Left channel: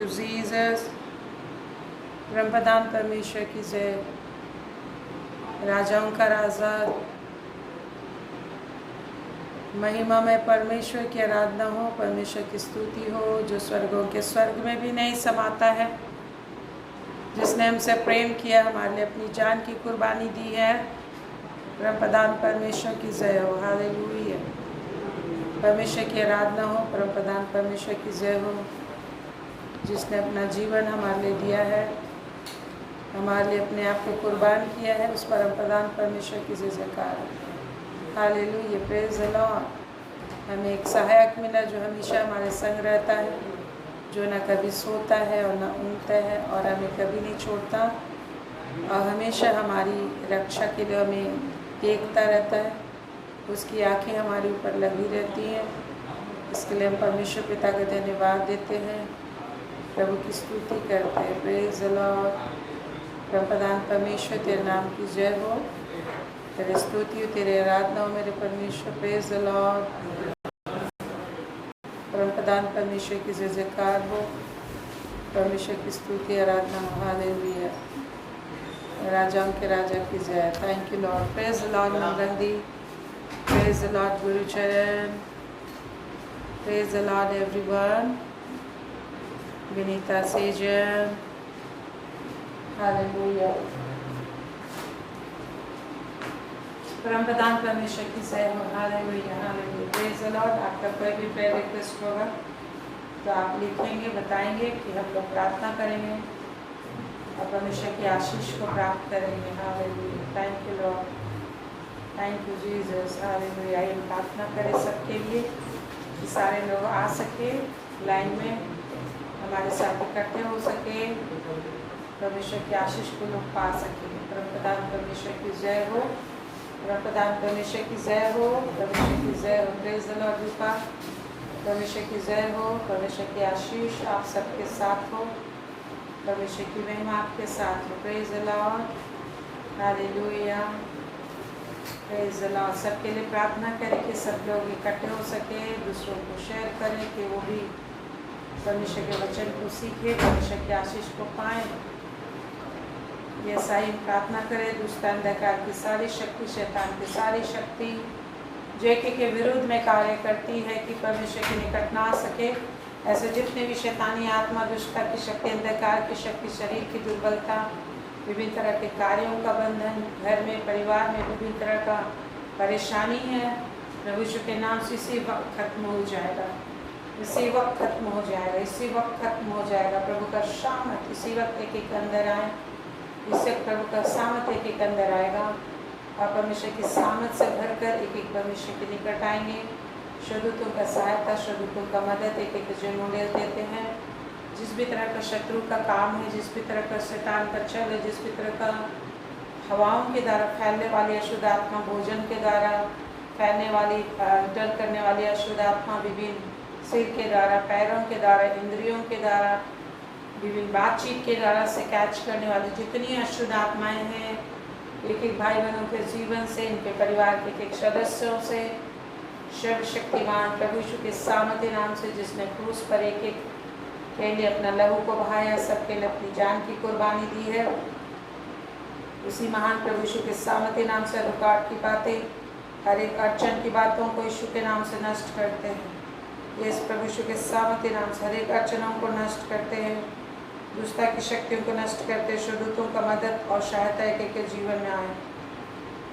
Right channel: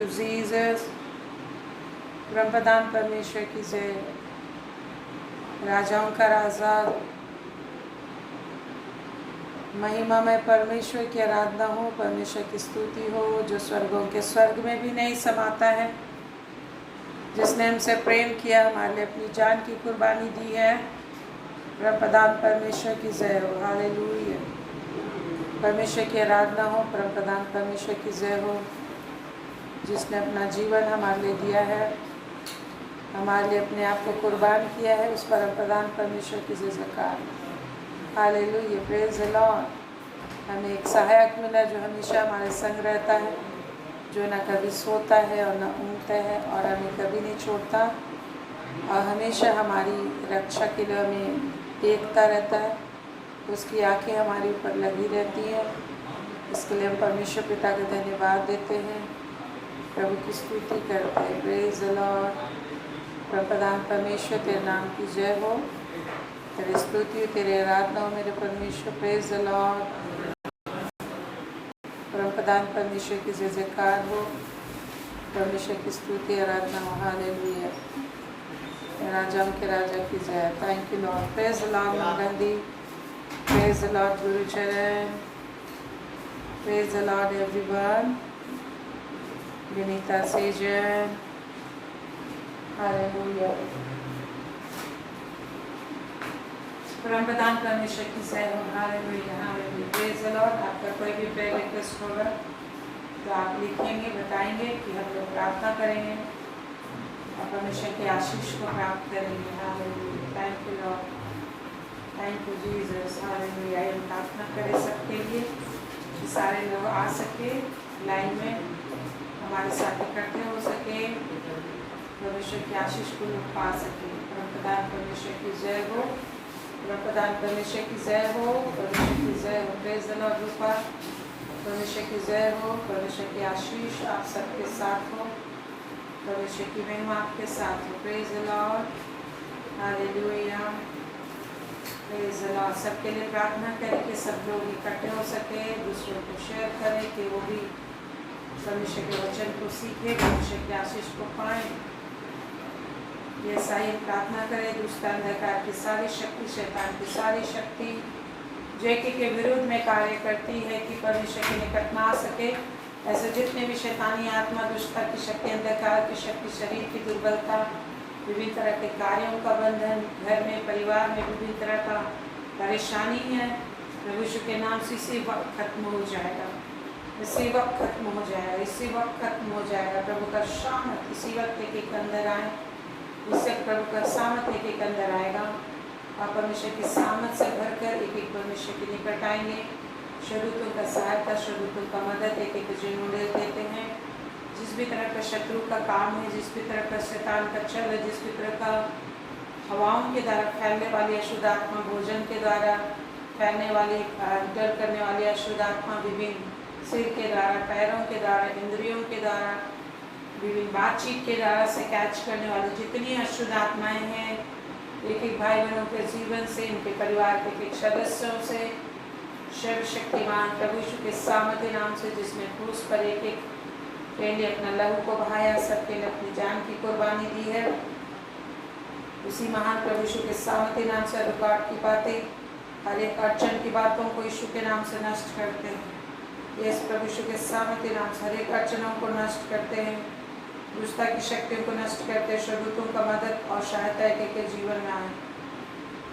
Jesus, परमप्रधान परमेश्वर की जय। राजाओं का राजा, महिमा में परमेश्वर की आराधना हो, परमेश्वर की स्तुति हो, जो स्वर्गों के स्वर्ग में भी नहीं समाता है, जिसने हमसे प्रेम किया, हमारे लिए अपनी जान की कुर्बानी दी है। परमप्रधान परमेश्वर की जय हो। हालेलुया। परमेश्वर की आराधना हो, परमप्रधान परमेश्वर की जय हो, जिसने अपना जीवन हमारे लिए दिया है, हमारे लिए अपने आप को कुर्बान किया है। उस परमप्रधान परमेश्वर की जय जयकार। Hallelujah, praise the Lord. हमें एक सहायक मिला जो हमेशा हमारे संग रहता है, जो न कभी सोता है और न ऊँगता है और हमें कभी नहीं छोड़ता और हमेशा हमारी रक्षा के लिए हमें देखता रहता है। उसकी आंखें हमारे ऊपर लगी रहती हैं। इसके लिए हम परमेश्वर पिता का धन्यवाद देते हैं, प्रभु की स्तुति करते हैं। Praise the Lord. परमप्रधान परमेश्वर, तेरे नाम की जय हो, तेरे स्तुति हो, तेरे आराधना हो मेरे परमेश्वर। Praise the Lord. परमप्रधान परमेश्वर की जय जयकार हो, परमेश्वर की स्तुति आराधना हो। हालेलुया। राजाओं के राजा की जय। Thank you Lord. Praise the Lord मंगंदी। Praise the Lord Gurucharan. Praise the Lord everyone. Vinita सेजन। हालेलुया। परमप्रधान परमेश्वर की जय हो। Hallelujah, hallelujah. Praise the Lord. आपका कोई भी प्रेयर रिक्वेस्ट होगा तो आप लिखेंगे, बताएंगे कि हम लोग प्रार्थना करेंगे और परमेश्वर की आशीष को प्राप्त करेंगे। Hallelujah. Thank you Lord, thank you Jesus. Hallelujah. हम प्रार्थना करें सबके लिए कि सारे लोग आ सके, लाइन में हमारे साथ इकट्ठे हो सके, परमेश्वर की आशीष को लोग पा सके। परमप्रधान परमेश्वर की जय हो, परमप्रधान परमेश्वर की जय हो, परमेश्वर की जय हो। प्रेज द लॉर्ड रूपा। परमेश्वर की जय हो, परमेश्वर की आशीष आप सबके साथ हो, परमेश्वर की महिमा आपके साथ हो। Praise the Lord. Hallelujah. Praise the Lord. सबके लिए प्रार्थना करें कि सब लोग इकट्ठे हो सके, दूसरों को शेयर करें कि वो भी परमेश्वर के वचन को सीखे, परमेश्वर की आशीष को पाएं। ये सही प्रार्थना करें। दुष्ट अंधकार की सारी शक्ति, शैतान की सारी शक्ति जो एक के विरुद्ध में कार्य करती है कि परमेश्वर के निकट ना आ सके, ऐसे जितने भी शैतानी आत्मा, दुष्टता की शक्ति, अंधकार की शक्ति, शरीर की दुर्बलता, विभिन्न तरह के कार्यों का बंधन, घर में, परिवार में विभिन्न तरह का परेशानी है, प्रभु यीशु के नाम से इसी वक्त खत्म हो जाएगा, इसी वक्त खत्म हो जाएगा, इसी वक्त खत्म हो जाएगा। प्रभु का सामर्थ इसी वक्त एक एक अंदर आए, इससे प्रभु का सामर्थ एक एक अंदर आएगा और परमेश्वर की सामर्थ से भरकर एक एक परमेश्वर के निकट आएंगे। शत्रुओं का सहायता, शत्रुओं का मदद एक एक जो मॉडल देते हैं। जिस भी तरह का शत्रु का काम है, जिस भी तरह का शैतान का चल है, जिस भी तरह का हवाओं के द्वारा फैलने वाली अशुद्ध आत्मा, भोजन के द्वारा फैलने वाली, डर करने वाली अशुद्ध आत्मा, विभिन्न सिर के द्वारा, पैरों के द्वारा, इंद्रियों के द्वारा, विभिन्न बातचीत के द्वारा से कैच करने वाली जितनी अशुद्ध आत्माएं हैं, एक एक भाई बहनों के जीवन से, इनके परिवार के एक एक सदस्यों से, सर्वशक्तिमान प्रभु यीशु के सामर्थ्य नाम से, जिसने क्रूस पर एक एक के लिए अपना लहू को बहाया, सबके लिए अपनी जान की कुर्बानी दी है, उसी महान प्रभु यीशु के सामर्थ्य नाम से रुकावट की बातें, हर एक अड़चन की बातों को यीशु के नाम से नष्ट करते हैं। यस, प्रभु यीशु के सामर्थ्य नाम से हर एक अड़चनों को नष्ट करते हैं, दुष्टता की शक्तियों को नष्ट करते हैं। शत्रुओं का मदद और सहायता एक एक के जीवन में आए,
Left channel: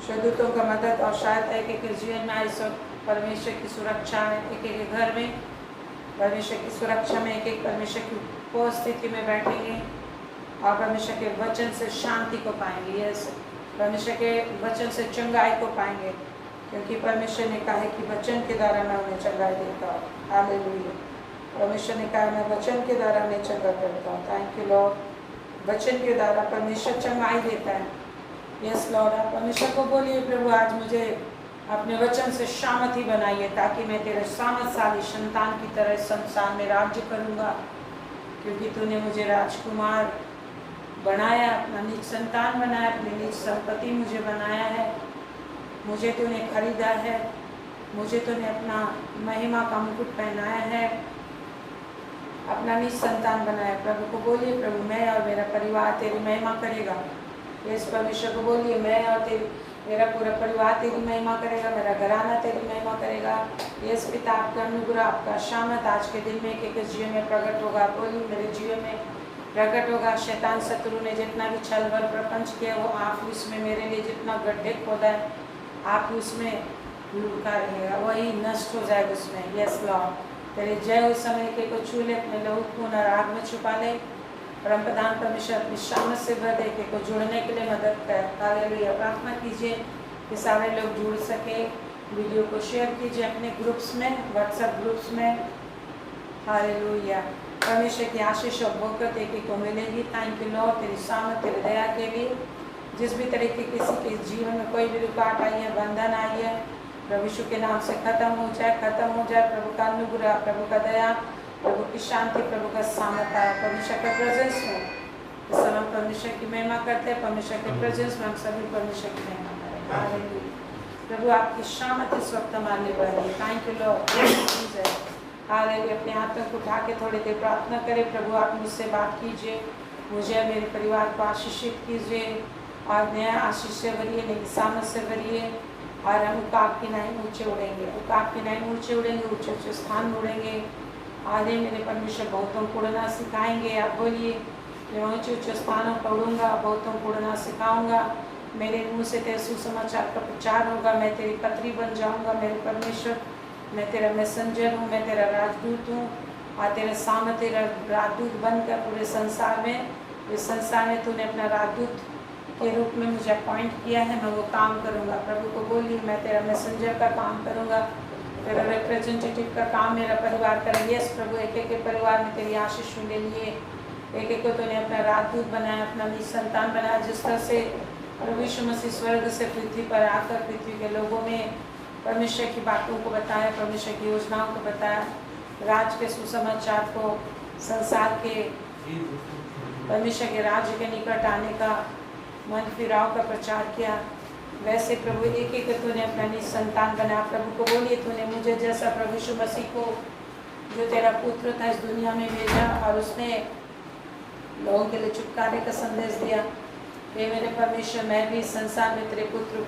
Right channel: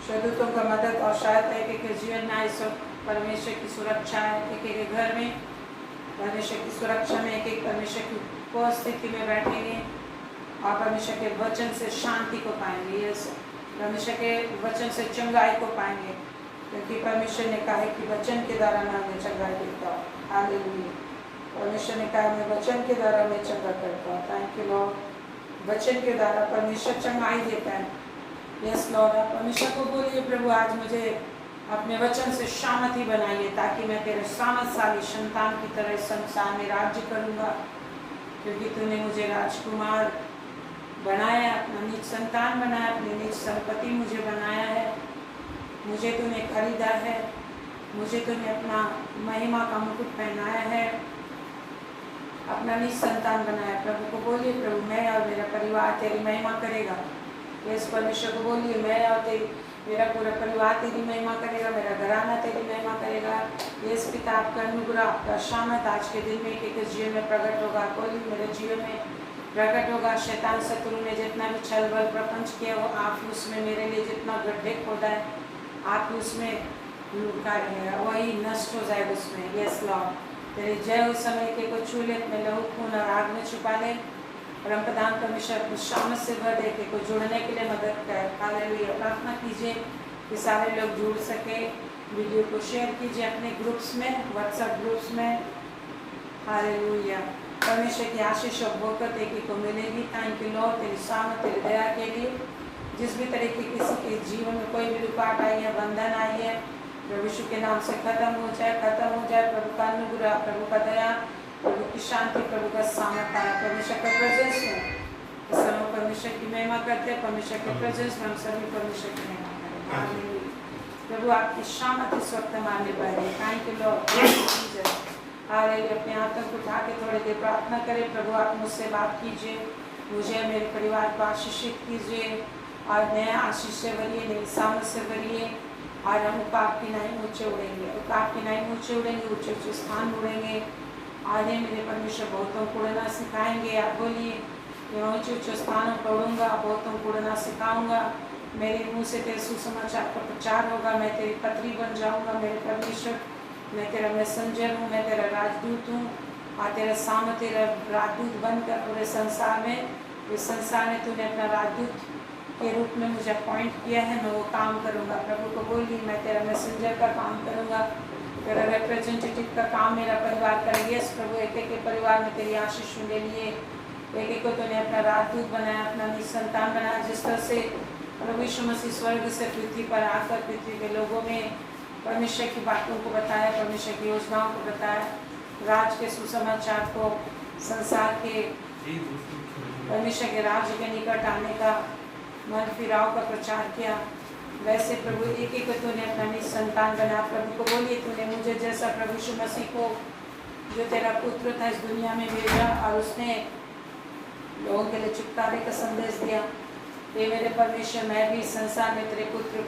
शत्रुओं का मदद और सहायता एक एक के जीवन में आए। सब परमेश्वर की सुरक्षा है एक एक के घर में, परमेश्वर की सुरक्षा में एक एक परमेश्वर की उपस्थिति में बैठेंगे और परमेश्वर के वचन से शांति को पाएंगे। यस, परमेश्वर के वचन से चंगाई को पाएंगे, क्योंकि परमेश्वर ने कहा है कि वचन के द्वारा मैं उन्हें चंगाई देता हूँ। हालेलुया। परमेश्वर ने कहा मैं वचन के द्वारा उन्हें चंगा करता हूँ। Thank you Lord. वचन के द्वारा परमेश्वर चंगाई देता है। Yes Lord. आप परमेश्वर को बोलिए, प्रभु आज मुझे अपने वचन से सामर्थी बनाइए, ताकि मैं तेरे सामर्थशाली संतान की तरह संसार में राज्य करूँगा, क्योंकि तूने मुझे राजकुमार बनाया, अपना निज संतान बनाया, अपनी निज संपत्ति मुझे बनाया है, मुझे तूने खरीदा है, मुझे तूने अपना महिमा का मुकुट पहनाया है, अपना निज संतान बनाए। प्रभु को बोलिए, प्रभु मैं और मेरा परिवार तेरी महिमा करेगा। यस परमेश्वर को बोलिए, मैं और मेरा पूरा परिवार तेरी महिमा करेगा, मेरा घराना तेरी महिमा करेगा। यस पिता, आपका अनुग्रह, आपका शामत आज के दिन में एक जीवन में प्रकट होगा। बोलिए, मेरे जीवन में प्रकट होगा। शैतान शत्रु ने जितना भी छल बल प्रपंच किया, वो आप ही उसमें मेरे लिए जितना गड्ढे खोदा है, आप ही उसमें लुका रहेगा, वही नष्ट हो जाएगा उसमें। यस लॉर्ड, तेरे जय उस समय के को छू ले, अपने लहू खून और आग में छुपा ले। परमप्रधान परमेश्वर अपनी शामत से भर दे के को जुड़ने के लिए मदद कर। हालेलुया। प्रार्थना कीजिए कि सारे लोग जुड़ सके। वीडियो को शेयर कीजिए अपने ग्रुप्स में, व्हाट्सएप ग्रुप्स में। हालेलुया। परमेश्वर की आशीष और बरकत एक एक को मिलेगी। थैंक यू लॉर्ड, तेरी शामत, तेरी दया के लिए। जिस भी तरह की किसी के जीवन में कोई भी रुकावट आई है, बंधन आई है, प्रभु यीशु के नाम से खत्म हो जाए, खत्म हो जाए। प्रभु का अनुग्रह, प्रभु का दया, प्रभु की शांति, प्रभु का सामर्थ आया। परमेश्वर के प्रेजेंस में इस समय परमेश्वर की महिमा करते हैं। परमेश्वर के प्रेजेंस में हम सभी परमेश्वर की महिमा करें। हालेलुया। प्रभु आपकी शामत इस वक्त हमारे पर है। Thank you Lord Jesus. Hallelujah. अपने हाथों को उठा के थोड़ी देर प्रार्थना करें। प्रभु आप मुझसे बात कीजिए, मुझे मेरे परिवार को आशीषित कीजिए और नया आशीष से भरिए, नई सामत से भरिए। और हम उकाब की नहीं ऊँचे उड़ेंगे, उकाब की नहीं ऊँचे उड़ेंगे, ऊँचे ऊँचे स्थान उड़ेंगे। आगे मेरे परमेश्वर बहुतों को उड़ना सिखाएंगे। आप बोलिए, मैं ऊँचे ऊँचे स्थानों पर उड़ूंगा, बहुतों को उड़ना सिखाऊंगा। मेरे मुंह से तेरे सुसमाचार का प्रचार होगा। मैं तेरी पत्री बन जाऊंगा। मेरे परमेश्वर, मैं तेरा मैसेंजर हूँ, मैं तेरा राजदूत हूँ। और तेरे सामने तेरा राजदूत बनकर पूरे संसार में, इस संसार में तूने अपना राजदूत के रूप में मुझे अपॉइंट किया है, मैं वो काम करूँगा। प्रभु को बोलिए, मैं तेरा मैसेंजर का काम करूँगा, तेरा रिप्रेजेंटेटिव का काम मेरा परिवार करेगा। यस प्रभु, एक एक के परिवार में तेरी आशीष ले लिए। एक एक को तूने अपना राजदूत बनाया, अपना निज संतान बनाया। जिस तरह से प्रभु यीशु मसीह स्वर्ग से पृथ्वी पर आकर पृथ्वी के लोगों में परमेश्वर की बातों को बताया, परमेश्वर की योजनाओं को बताया, राज के सुसमाचार को, संसार के परमेश्वर के राज्य के निकट आने का, मन फिराव का प्रचार किया। वैसे प्रभु एक एक को तूने अपना निज संतान बनाया। प्रभु को बोलिए, तूने मुझे जैसा प्रभु यीशु मसीह को, जो तेरा पुत्र था, इस दुनिया में भेजा और उसने लोगों के लिए छुटकारे का संदेश दिया। ये मेरे परमेश्वर, मैं भी संसार में तेरे पुत्र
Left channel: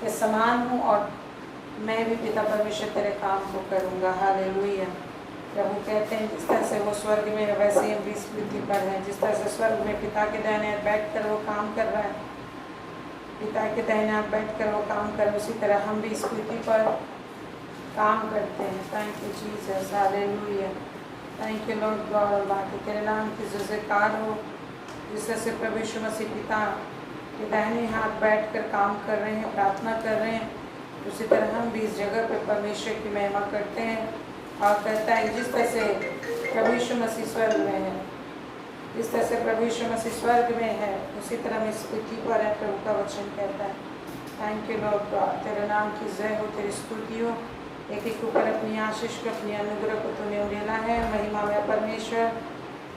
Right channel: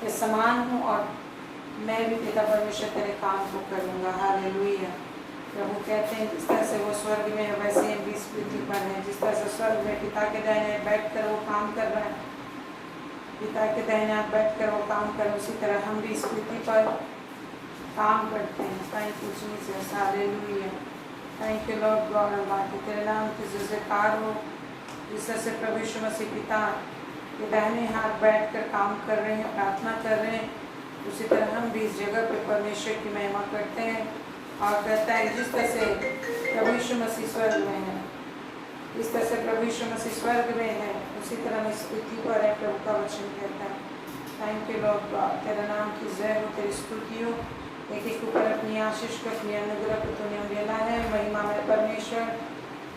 के समान हूँ और मैं भी पिता परमेश्वर तेरे काम को करूँगा। हालेलुया। प्रभु कहते हैं, जिस तरह से वो स्वर्ग में है वैसे ही हम भी इस पृथ्वी पर हैं। जिस तरह से स्वर्ग में पिता के दाहिने बैठ कर वो काम कर रहा है, पिता के दाहिने आप बैठ कर वो काम कर, उसी तरह हम भी इस पृथ्वी पर काम करते हैं। Thank you Jesus. Hallelujah. Thank you Lord God Allah, कि तेरे नाम की जयकार हो। जिस तरह से प्रभु यीशु मसीह पिता के दाहिने हाथ बैठ कर काम कर रहे हैं, प्रार्थना कर रहे हैं, उसी तरह हम भी इस जगह पर परमेश्वर की महिमा करते हैं। और कहता है, जिस तरह से प्रभु यीशु मसीह स्वर्ग में है, जिस तरह से प्रभु यीशु मसीह स्वर्ग में है, उसी तरह में इस पृथ्वी पर है। प्रभु का वचन कहता है। थैंक यू लॉर्ड गॉड, तेरे नाम की जय हो, तेरी स्तुति हो। एक एक ऊपर अपनी आशीष को, अपनी अनुग्रह को तूने मिला है। महिमा में परमेश्वर,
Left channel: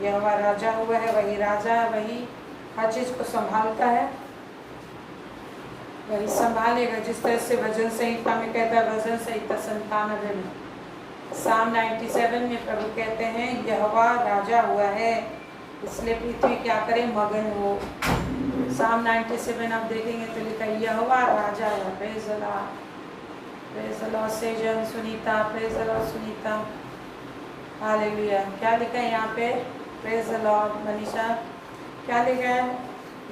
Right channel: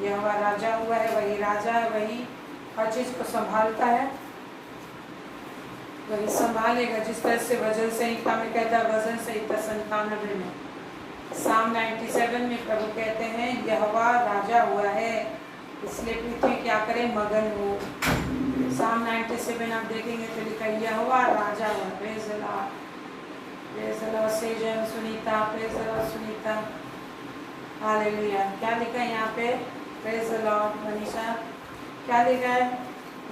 यह हमारा राजा हुआ है, वही राजा है, वही हर चीज़ को संभालता है, वही संभालेगा। जिस तरह से वजन संहिता में कहता है, वजन संहिता 97 में, साम 97 में प्रभु कहते हैं, यहोवा राजा हुआ है, इसलिए पृथ्वी क्या करे, मगन हो। साम 97 आप देखेंगे तो लिखा है, यहोवा राजा हुआ। Praise the Lord, praise the Lord Schezwan Sunita, praise the Lord Sunita. Hallelujah. क्या लिखा है यहाँ पे? Praise the Lord Manisha. क्या लिखा है?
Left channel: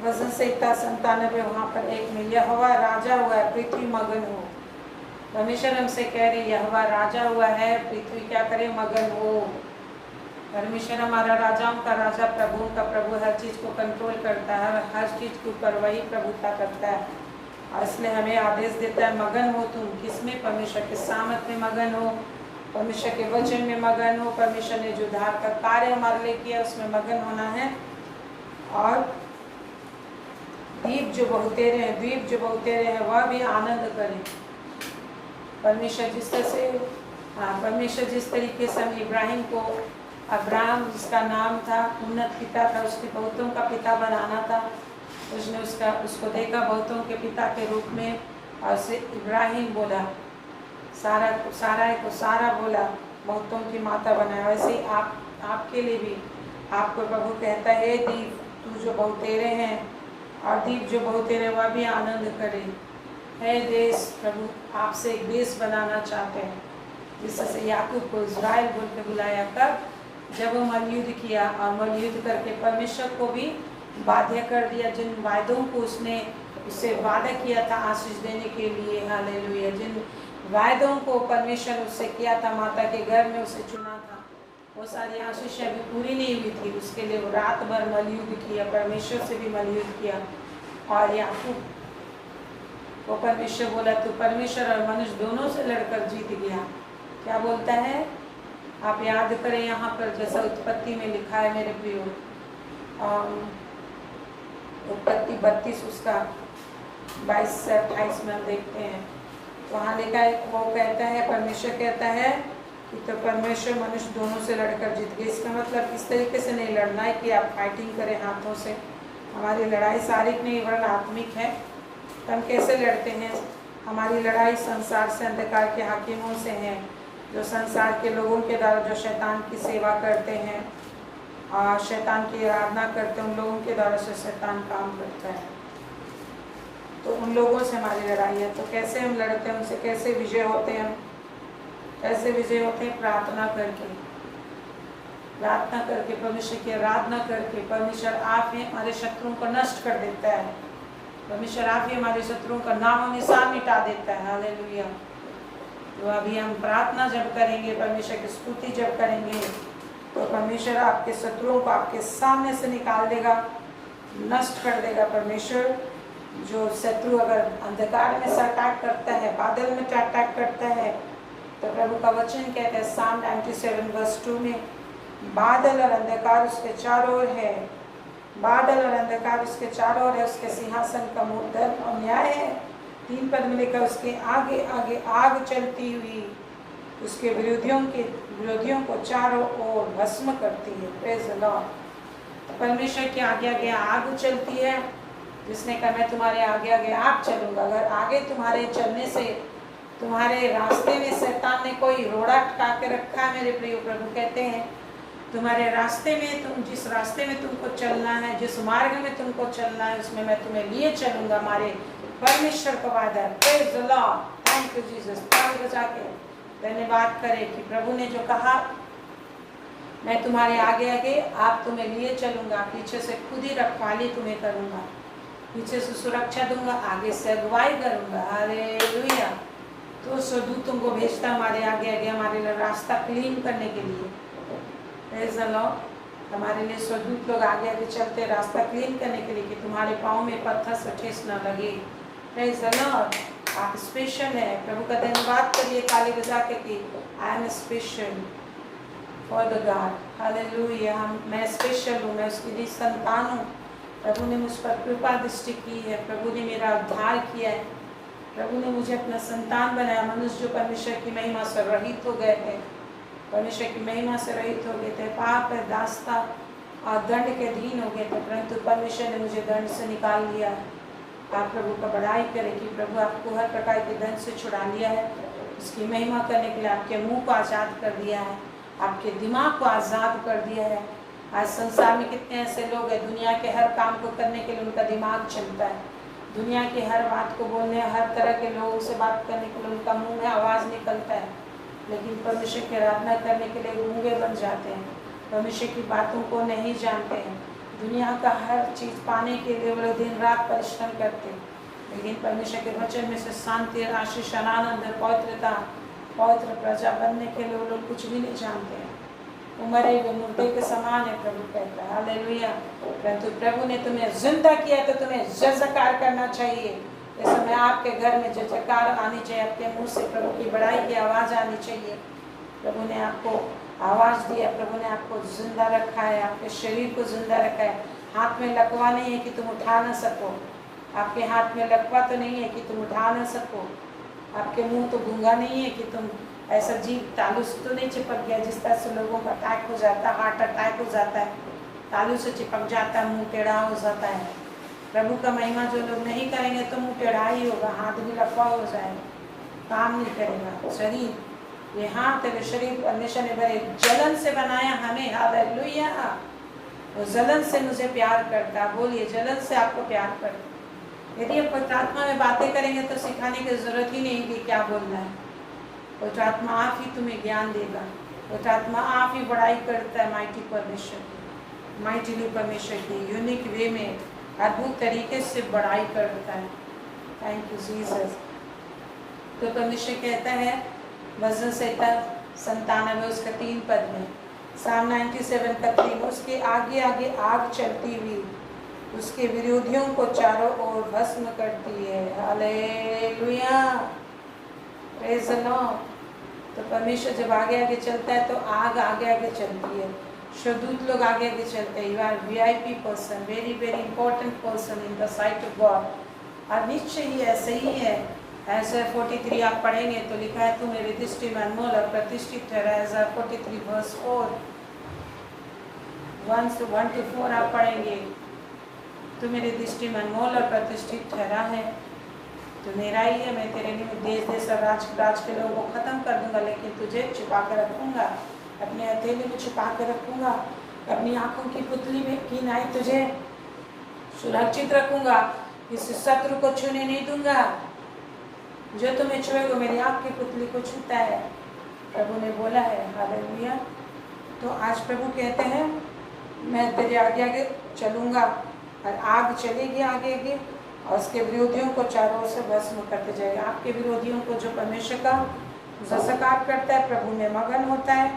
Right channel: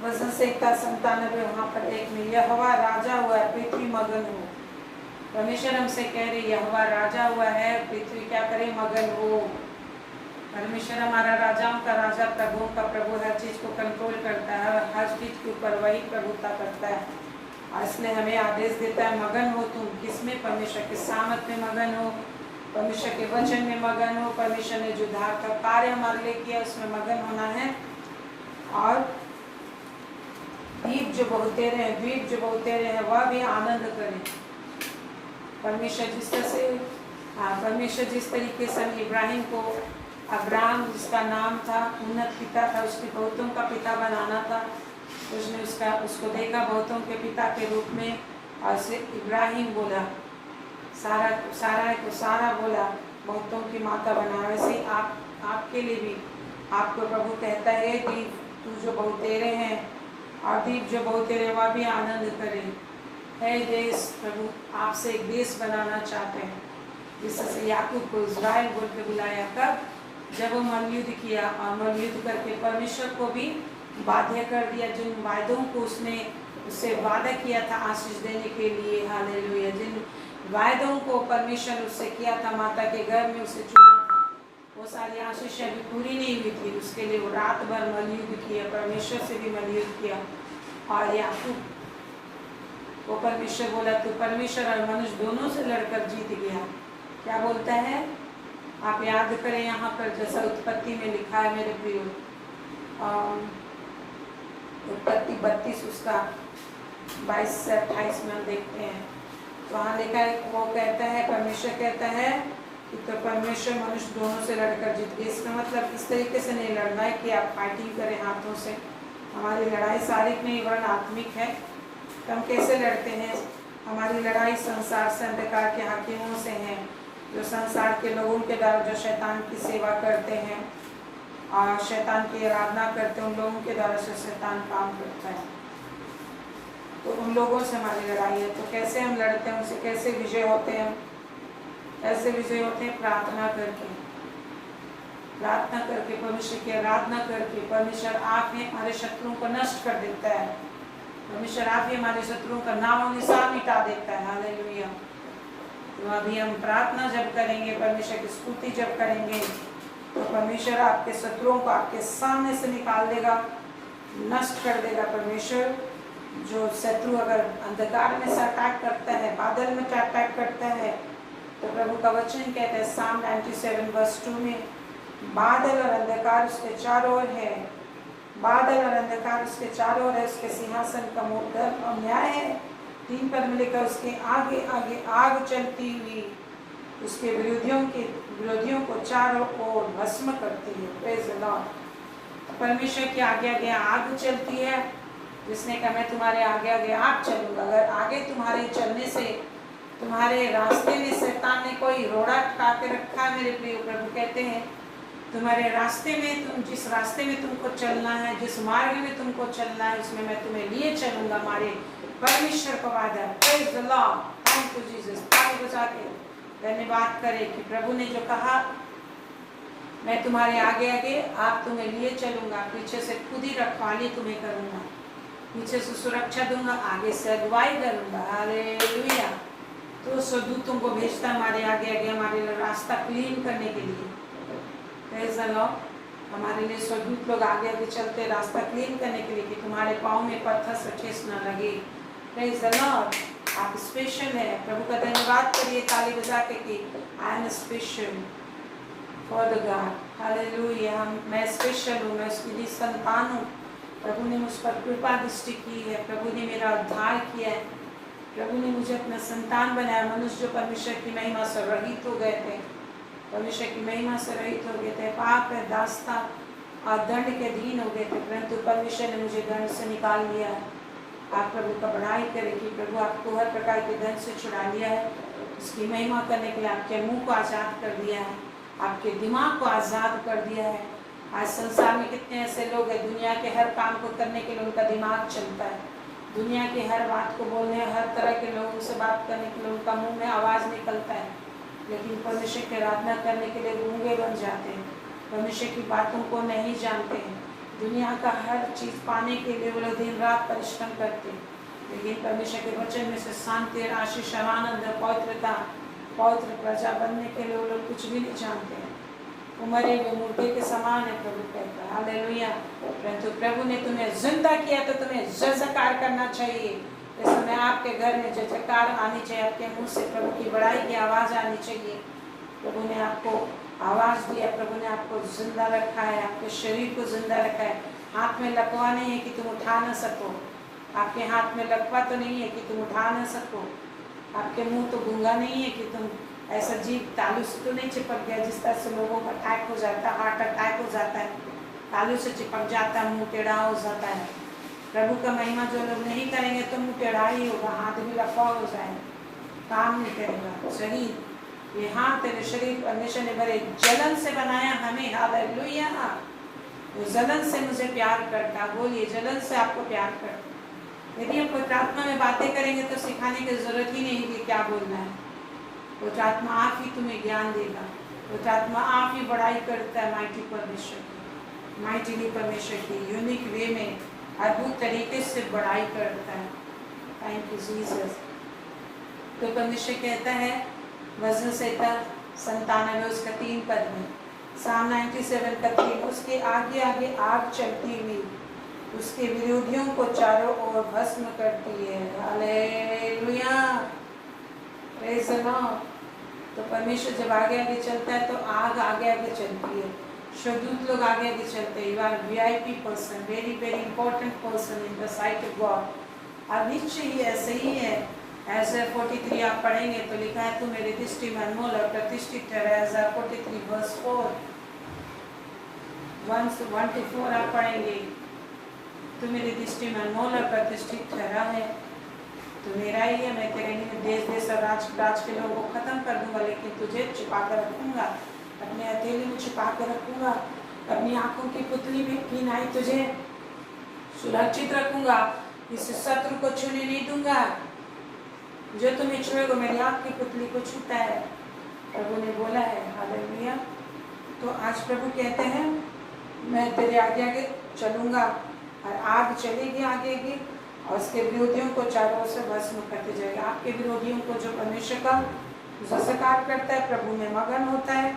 वजन संहिता 97 वहाँ पर 1 में, यहोवा राजा हुआ है, पृथ्वी मगन हो। परमेश्वर हमसे कह रहे, यहोवा राजा हुआ है, पृथ्वी क्या करे, मगन हो। परमेश्वर हमारा राजाओं का राजा, प्रभुओं का प्रभु, हर चीज़ को कंट्रोल करता है, हर चीज़ के ऊपर वही प्रभुता करता है। और इसलिए हमें आदेश देता है, मगन हो तुम। किसमें? परमेश्वर के सामत में मगन हो, परमेश्वर के वचन में मगन हो। परमेश्वर ने जो उद्धार का कार्य हमारे लिए किया, उसमें मगन होना है। और द्वीप जो बहुते रहे, द्वीप जो बहुते रहे, वह भी आनंद करें। परमेश्वर जिस तरह से, परमेश्वर जिस तरीके से इब्राहिम को, अब्राहम जिसका नाम था, उन्नत पिता था, उसके बहुतों का पिता बनाना था, उसने उसको देखा बहुतों के पिता के रूप में, और उसे इब्राहिम बोला। सारा को सारा बोला, बहुतों की माता बनाया। वैसे ही आप आपके लिए भी। आपको प्रभु कहता है दीप तू जो बहुतेरे हैं और दीप जो बहुतेरे वह भी आनंद करे। है देश प्रभु आपसे एक देश बनाना चाहते हैं, जिससे याकूब को इज़राइल बोल के बुलाया। कब? जब वो मलयुद्ध किया और मलयुद्ध करके परमेश्वर को भी बाध्य कर दिया। जिन वायदों को उससे वादा किया था आशीष देने के लिए, हालेलुया, जिन वायदों को परमेश्वर उससे किया था, माता के घर में उसे चुना था, वो सारी आशीषें अभी पूरी नहीं हुई थी। उसके लिए वो रात भर मलयुद्ध किया, परमेश्वर से भी मलयुद्ध किया। और याकूब को परमेश्वर बोला तू परमेश्वर और मनुष्य दोनों से लड़कर जीत गया। क्या बोलता है? आप याद करें यहाँ पर जैसा उत्पत्ति में लिखा है मेरे प्रियो, उत्पत्ति 32 उसका 22 से 28 में हम देखते हैं। वहाँ लिखा है, वो कहता है, परमेश्वर कहता है कि तो परमेश्वर मनुष्य दोनों से लड़कर जीत गए। इसका मतलब इस तरीके से नहीं लड़ना है कि आप फाइटिंग करें हाथों से। हमारी लड़ाई शारीरिक नहीं वरन आत्मिक है। तो हम कैसे लड़ते हैं? हमारी लड़ाई संसार से, अंधकार के हाकिमों से है, जो संसार के लोगों के द्वारा जो शैतान की सेवा करते हैं और शैतान की आराधना करते हैं, उन लोगों के द्वारा से शैतान काम करता है। तो उन लोगों से हमारी लड़ाई है। तो कैसे हम लड़ते हैं? उनसे कैसे विजय होते हैं? कैसे विजय होते हैं? प्रार्थना करके, प्रार्थना करके, परमेश्वर की आराधना करके। परमेश्वर आप ही हमारे शत्रुओं को नष्ट कर देता है। परमेश्वर आप ही हमारे शत्रुओं का नाम और निशान मिटा देता है। हालेलुया। तो अभी हम प्रार्थना जब करेंगे, परमेश्वर की स्तुति जब करेंगे, तो परमेश्वर आपके शत्रुओं को आपके सामने से निकाल देगा, नष्ट कर देगा। परमेश्वर जो शत्रु अगर अंधकार में से अटैक करता है, बादल में अटैक करता है, तो प्रभु का वचन कहता है साम 97 वर्स 2 में, बादल और अंधकार उसके चारों ओर है, बादल और अंधकार उसके चारों ओर है, उसके सिंहासन का मुँह धर्म और न्याय है। 3 पद में लिखा, उसके आगे आगे आग चलती हुई उसके विरोधियों को चारों ओर भस्म करती है। Praise the Lord. परमेश्वर के आगे आगे आग चलती है, जिसने कहा मैं तुम्हारे आगे आगे आप चलूंगा। अगर आगे तुम्हारे चलने से तुम्हारे रास्ते में शैतान ने कोई रोड़ा अटका के रखा है, मेरे प्रिय प्रभु कहते हैं तुम्हारे रास्ते में, तुम जिस रास्ते में तुमको चलना है, जिस मार्ग में तुमको चलना है, उसमें मैं तुम्हें लिए चलूंगा। हमारे परमेश्वर का वादा है। Praise the Lord. Thank you Jesus. ताली बजा के धन्यवाद करें कि प्रभु ने जो कहा मैं तुम्हारे आगे आगे आप तुम्हें लिए चलूंगा, पीछे से खुद ही रखवाली तुम्हें करूंगा, पीछे से सुरक्षा दूंगा, आगे से अगुवाई करूंगा। हालेलुया। तो स्वदूतों को भेजता हमारे आगे आगे हमारे लिए रास्ता क्लीन करने के लिए। Praise the Lord. हमारे लिए स्वदूत लोग आगे आगे चलते रास्ता क्लीन करने के लिए कि तुम्हारे पाँव में पत्थर से ठेस न लगे। Praise the Lord. आप स्पेशल है। प्रभु का धन्यवाद करिए ताली बजा के कि I am special for the God. Hallelujah. मैं स्पेशल हूँ, मैं उसकी दी संतान हूँ। प्रभु ने मुझ पर कृपा दृष्टि की है, प्रभु ने मेरा उद्धार किया है, प्रभु ने मुझे अपना संतान बनाया। मनुष्य जो परमेश्वर की महिमा से रहित हो गए थे, परमेश्वर की महिमा से रहित हो गए थे, पाप है दास्ता और दंड के अधीन हो गए थे, परंतु परमेश्वर ने मुझे दंड से निकाल लिया है। आप प्रभु का बड़ाई करें कि प्रभु आपको हर प्रकार के दंड से छुड़ा लिया है। उसकी महिमा करने के लिए आपके मुंह को आज़ाद कर दिया है, आपके दिमाग को आज़ाद कर दिया है। आज संसार में कितने ऐसे लोग हैं, दुनिया के हर काम को करने के लिए उनका दिमाग चलता है, दुनिया की हर बात को बोलने, हर तरह के लोगों से बात करने के लिए उनका मुंह में आवाज़ निकलता है, लेकिन परमेश्वर की आराधना करने के लिए गूंगे बन जाते हैं, परमेश्वर की बातों को नहीं जानते हैं। दुनिया का हर चीज़ पाने के लिए वो लोग दिन रात परिश्रम करते हैं, लेकिन परमेश्वर के वचन में से शांति, आशीष, आनंद, पवित्रता, पवित्र प्रजा बनने के लिए वो लोग कुछ भी नहीं जानते हैं। वो मरे हुए मुर्दे के समान है, प्रभु कहता है। हालेलुया। परंतु प्रभु ने तुम्हें जिंदा किया तो तुम्हें जयकार करना चाहिए। इस समय आपके घर में जयकार आनी चाहिए, आपके मुंह से प्रभु की बड़ाई की आवाज़ आनी चाहिए। प्रभु ने आपको आवाज़ दिया, प्रभु ने आपको जिंदा रखा है, आपके शरीर को जिंदा रखा है। हाथ में लकवा नहीं है कि तुम उठा ना सको, आपके हाथ में लकवा तो नहीं है कि तुम उठा ना सको, आपके मुंह तो गूंगा नहीं है कि तुम ऐसा जीव तालू से तो नहीं चिपक गया जिस तरह से लोगों का अटैक हो जाता है, हार्ट अटैक हो जाता है, तालू से चिपक जाता है, मुंह टेढ़ा हो जाता है। प्रभु का महिमा जो लोग नहीं करेंगे तो मुंह टेढ़ा ही होगा, हाथ भी लकवा हो जाएगा, काम नहीं करेगा शरीर। ये हाथ तेरे शरीर परमेश्वर ने बड़े जलन से बनाया हमें, हालेलुया। वो जलन से मुझे प्यार करता, बोलिए जलन से आपको प्यार करता। यदि आप प्रार्थना में बातें करेंगे तो सिखाने की जरूरत ही नहीं कि क्या बोलना है। वो आत्मा आप ही तुम्हें ज्ञान देगा, वो आत्मा आप ही बड़ाई करता है माइटी परमेश्वर की, माइटीली परमेश्वर की यूनिक वे में अद्भुत तरीके से बड़ाई करता है। Thank you Jesus. तो परमेश्वर कहता है भजन संहिता 97 उसका 3 पद में, साम 97 का 3, उसके आगे आगे आग चलती हुई उसके विरोधियों को चारों ओर भस्म करती है। Hallelujah, praise the Lord. तो परमेश्वर जब आगे आगे चलता है तो आग आगे आगे चलती है, शदूत लोग आगे आगे चलते हैं। You are VIP person, very very important person in the sight of God. और निश्चय ही ऐसे ही है। ऐसा 43 आप पढ़ेंगे तो लिखा है, तू मेरी दृष्टि में अनमोल और प्रतिष्ठित ठहरा। ऐसा 43 वर्स 4 1 to 4 आप पढ़ेंगे, तू मेरी दृष्टि में अनमोल और प्रतिष्ठित ठहरा है, तो मेरा ही है। मैं तेरे निमित्त देश देश और राज के लोगों को खत्म कर दूंगा, लेकिन तुझे छुपा कर रखूंगा, अपने हथेली में छुपा कर रखूंगा, अपनी आंखों की पुतली में की नाई तुझे सुरक्षित रखूंगा, किसी शत्रु को छूने नहीं दूंगा। जो तुम्हें छुएगा मेरी आंख की पुतली को छूता है, प्रभु ने बोला है। हालेलुया। तो आज प्रभु कहते हैं मैं तेरे आगे आगे चलूंगा और आग चलेगी आगे आगे और उसके विरोधियों को चारों ओर से भस्म करते जाएगा। आपके विरोधियों को जो परमेश्वर का जयकार करता है, प्रभु में मगन होता है,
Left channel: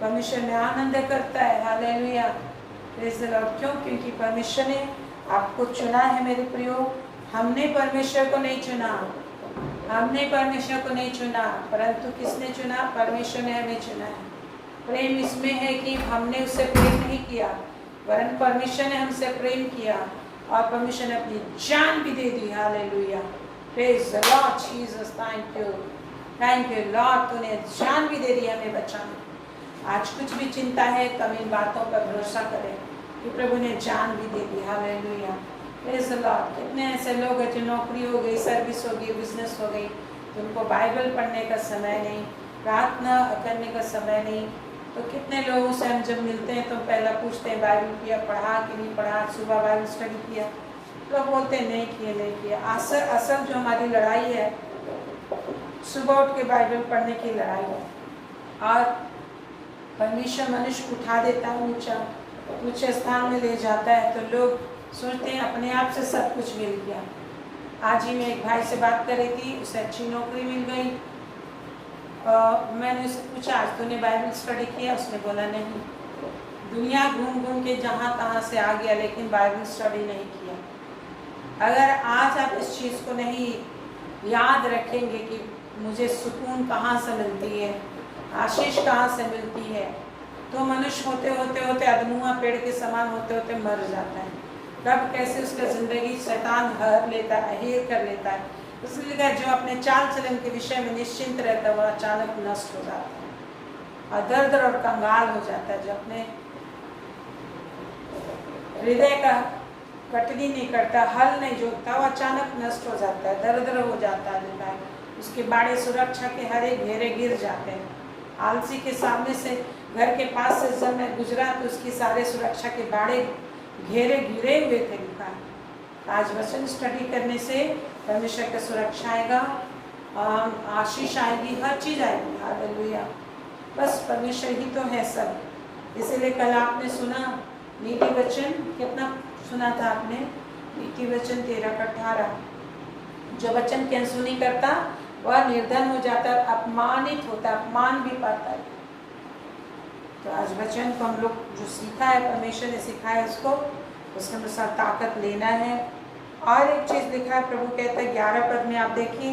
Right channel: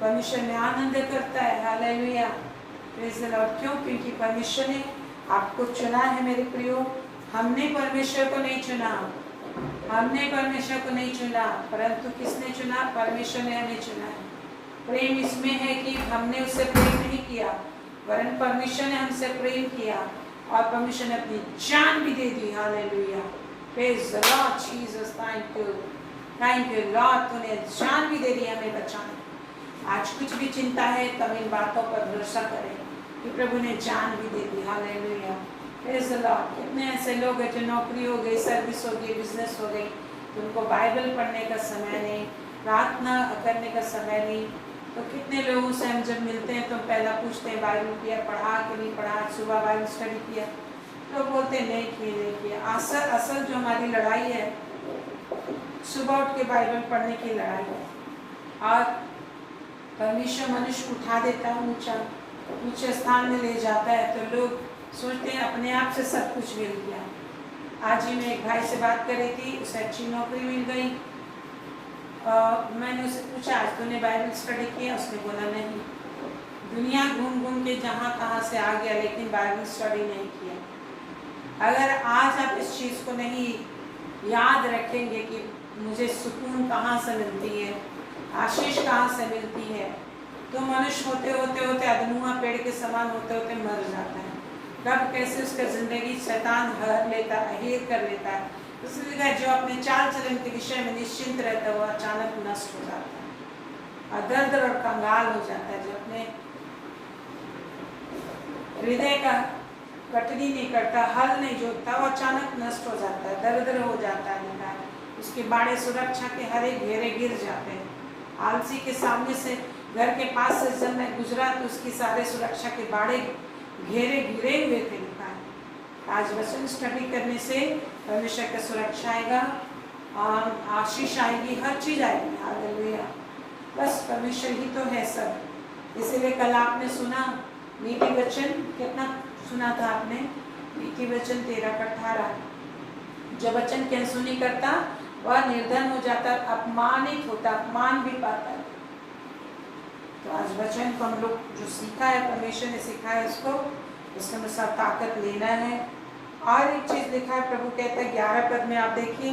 परमेश्वर में आनंद करता है। Hallelujah, praise the Lord. क्यों? क्योंकि परमेश्वर ने आपको चुना है मेरे प्रियो। हमने परमेश्वर को नहीं चुना, हमने परमेश्वर को नहीं चुना, परंतु किसने चुना? परमेश्वर ने हमें चुना है। प्रेम इसमें है कि हमने उससे प्रेम नहीं किया, वरन परमेश्वर ने हमसे प्रेम किया और परमेश्वर ने अपनी जान भी दे दी। Hallelujah, praise the Lord Jesus. Thank you Lord, तूने जान भी दे दी हमें बचाने। आज कुछ भी चिंता है तो हम इन बातों पर भरोसा करें कि प्रभु ने जान भी दे दी। Hallelujah, praise the Lord. कितने ऐसे लोग हैं जो नौकरी हो गई, सर्विस हो गई, बिजनेस हो गई, तो उनको बाइबल पढ़ने का समय नहीं, प्रार्थना करने का समय नहीं। तो कितने लोगों से हम जब मिलते हैं तो पहला पूछते हैं बाइबल किया, पढ़ा कि नहीं पढ़ा, सुबह बाइबल स्टडी किया, तो बोलते हैं नहीं किया। असल जो हमारी लड़ाई है, सुबह उठ के बाइबल पढ़ने की लड़ाई है। और परमेश्वर मनुष्य उठा देता है, ऊंचे स्थान में ले जाता है, तो लोग सोचते हैं अपने आप से सब कुछ मिल गया। आज ही मैं एक भाई से बात कर रही थी, उसे अच्छी नौकरी मिल गई। मैंने उसे पूछा आज तूने बाइबल स्टडी किया? उसने बोला नहीं। दुनिया घूम घूम के जहाँ तहाँ से आ गया, लेकिन बाइबल स्टडी नहीं किया। अगर आज आप इस चीज़ को नहीं याद रखेंगे कि मुझे सुकून कहाँ से मिलती है, आशीष कहाँ से मिलती है, तो मनुष्य होते होते होते अधनुआ पेड़ के समान होते होते मर जाता है। कब कैसे उसका जिंदगी शैतान हर लेता है, हेर कर लेता है। इसलिए जो अपने चाल चलन के विषय में निश्चिंत रहता है वह अचानक नष्ट हो जाता है और दर्द और कंगाल हो जाता है। जो अपने हृदय का कटनी नहीं करता, हल नहीं जोतता, वो अचानक नष्ट हो जाता है, दर्द हो जाता है। उसके बाड़े सुरक्षा के हरे घेरे गिर जाते हैं। आलसी के सामने से घर के पास से जब मैं गुजरा तो उसकी सारे सुरक्षा के बाड़े घेरे घिरे हुए थे, लिखा है। आज वचन स्टडी करने से परमेश्वर का सुरक्षा आएगा, आशीष आएगी, हर चीज आएगी। हालेलुया, बस परमेश्वर ही तो है सब। इसीलिए कल आपने सुना नीति वचन, कितना सुना था आपने? नीति वचन 13-18। जो वचन की अनसुनी करता वह निर्धन हो जाता, अपमानित होता, अपमान भी पाता है। तो आज वचन को हम लोग जो सीखा है, परमेश्वर ने सिखाया है, उसके अनुसार ताकत लेना है। और एक चीज लिखा है, प्रभु कहता है 11 पद में आप देखिए,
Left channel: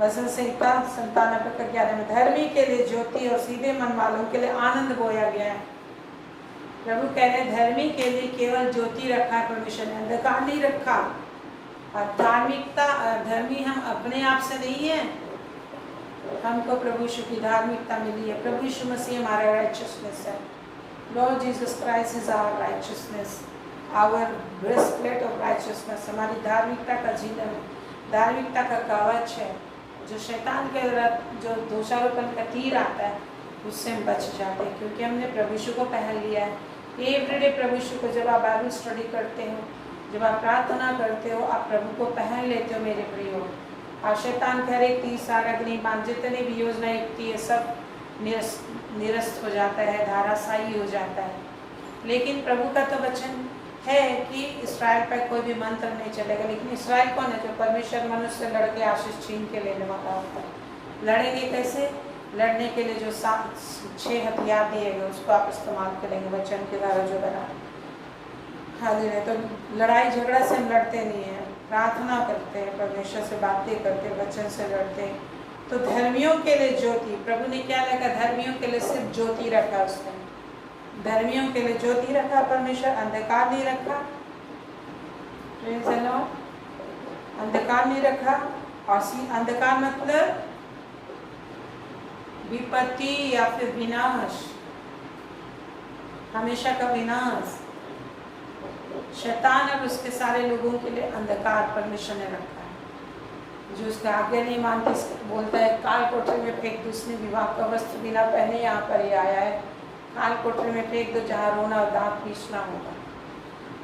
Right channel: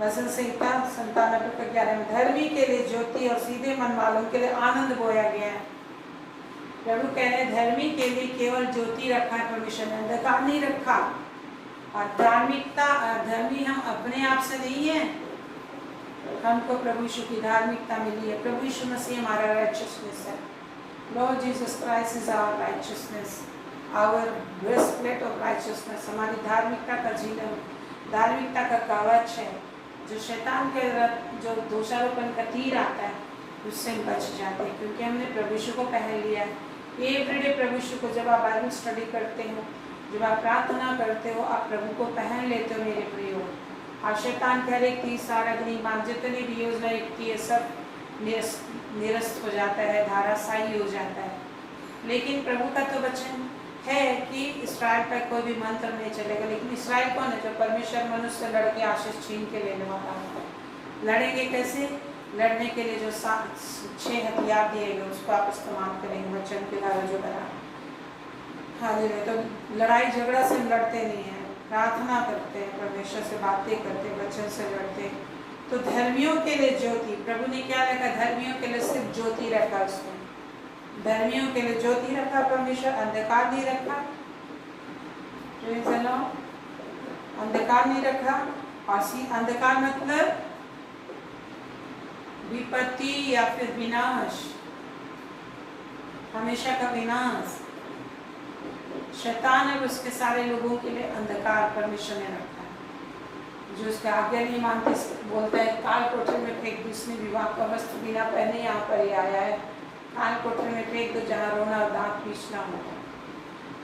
भजन संहिता 97 का 11 में, धर्मी के लिए ज्योति और सीधे मन वालों के लिए आनंद बोया गया है। प्रभु कह रहे हैं धर्मी के लिए केवल ज्योति रखा है परमेश्वर ने, अंधकार नहीं रखा। और धार्मिकता, धर्मी हम अपने आप से नहीं है, हमको प्रभु यीशु की धार्मिकता मिली है। प्रभु यीशु मसीह हमारा राइचियसनेस है। Lord Jesus Christ is our righteousness, our breastplate of righteousness. हमारी धार्मिकता का झिलम, धार्मिकता का कवच है। जो शैतान के जो दोषारोपण का तीर आता है उससे हम बच जाते हैं, क्योंकि हमने प्रभु यीशु को पहन लिया है। एवरीडे प्रभु यीशु को, जब आप बाइबल स्टडी करते हो, जब आप प्रार्थना करते हो, आप प्रभु को पहन लेते हो मेरे प्रियो। और शैतान के हर एक तीर सारा अग्निबाण जितनी भी योजना इकट्ठी है सब निरस्त हो जाता है, धाराशायी हो जाता है। लेकिन प्रभु का तो वचन है कि इसराइल पर कोई भी मंत्र नहीं चलेगा। लेकिन इसराइल कौन है? जो परमेश्वर मनुष्य से लड़के आशीष छीन के लेने वाला होता है। लड़ेंगे कैसे? लड़ने के लिए जो 6 हथियार दिए गए उसको आप इस्तेमाल करेंगे, वचन के द्वारा जो बना। हालेलुया। तो लड़ाई झगड़ा से हम लड़ते नहीं है, प्रार्थना करते हैं, परमेश्वर से बातें करते हैं, वचन से लड़ते हैं। तो धर्मियों के लिए ज्योति, प्रभु ने क्या रखा? धर्मियों के लिए सिर्फ ज्योति रखा उसने। धर्मियों के लिए ज्योति रखा परमेश्वर, अंधकार नहीं रखा। चलो, अंधकार नहीं रखा। और अंधकार मतलब विपत्ति या फिर विनाश, हमेशा का विनाश। शैतान और उसके सारे लोगों के लिए अंधकार परमेश्वर ने रखा है। जो उसका आज्ञा नहीं मानते, बोलता है काल कोठरी में फेंक दो, उसने विवाह का वस्त्र बिना पहने यहाँ पर ही आया है, काल कोठरी में फेंक दो जहाँ रोना और दांत पीसना होगा।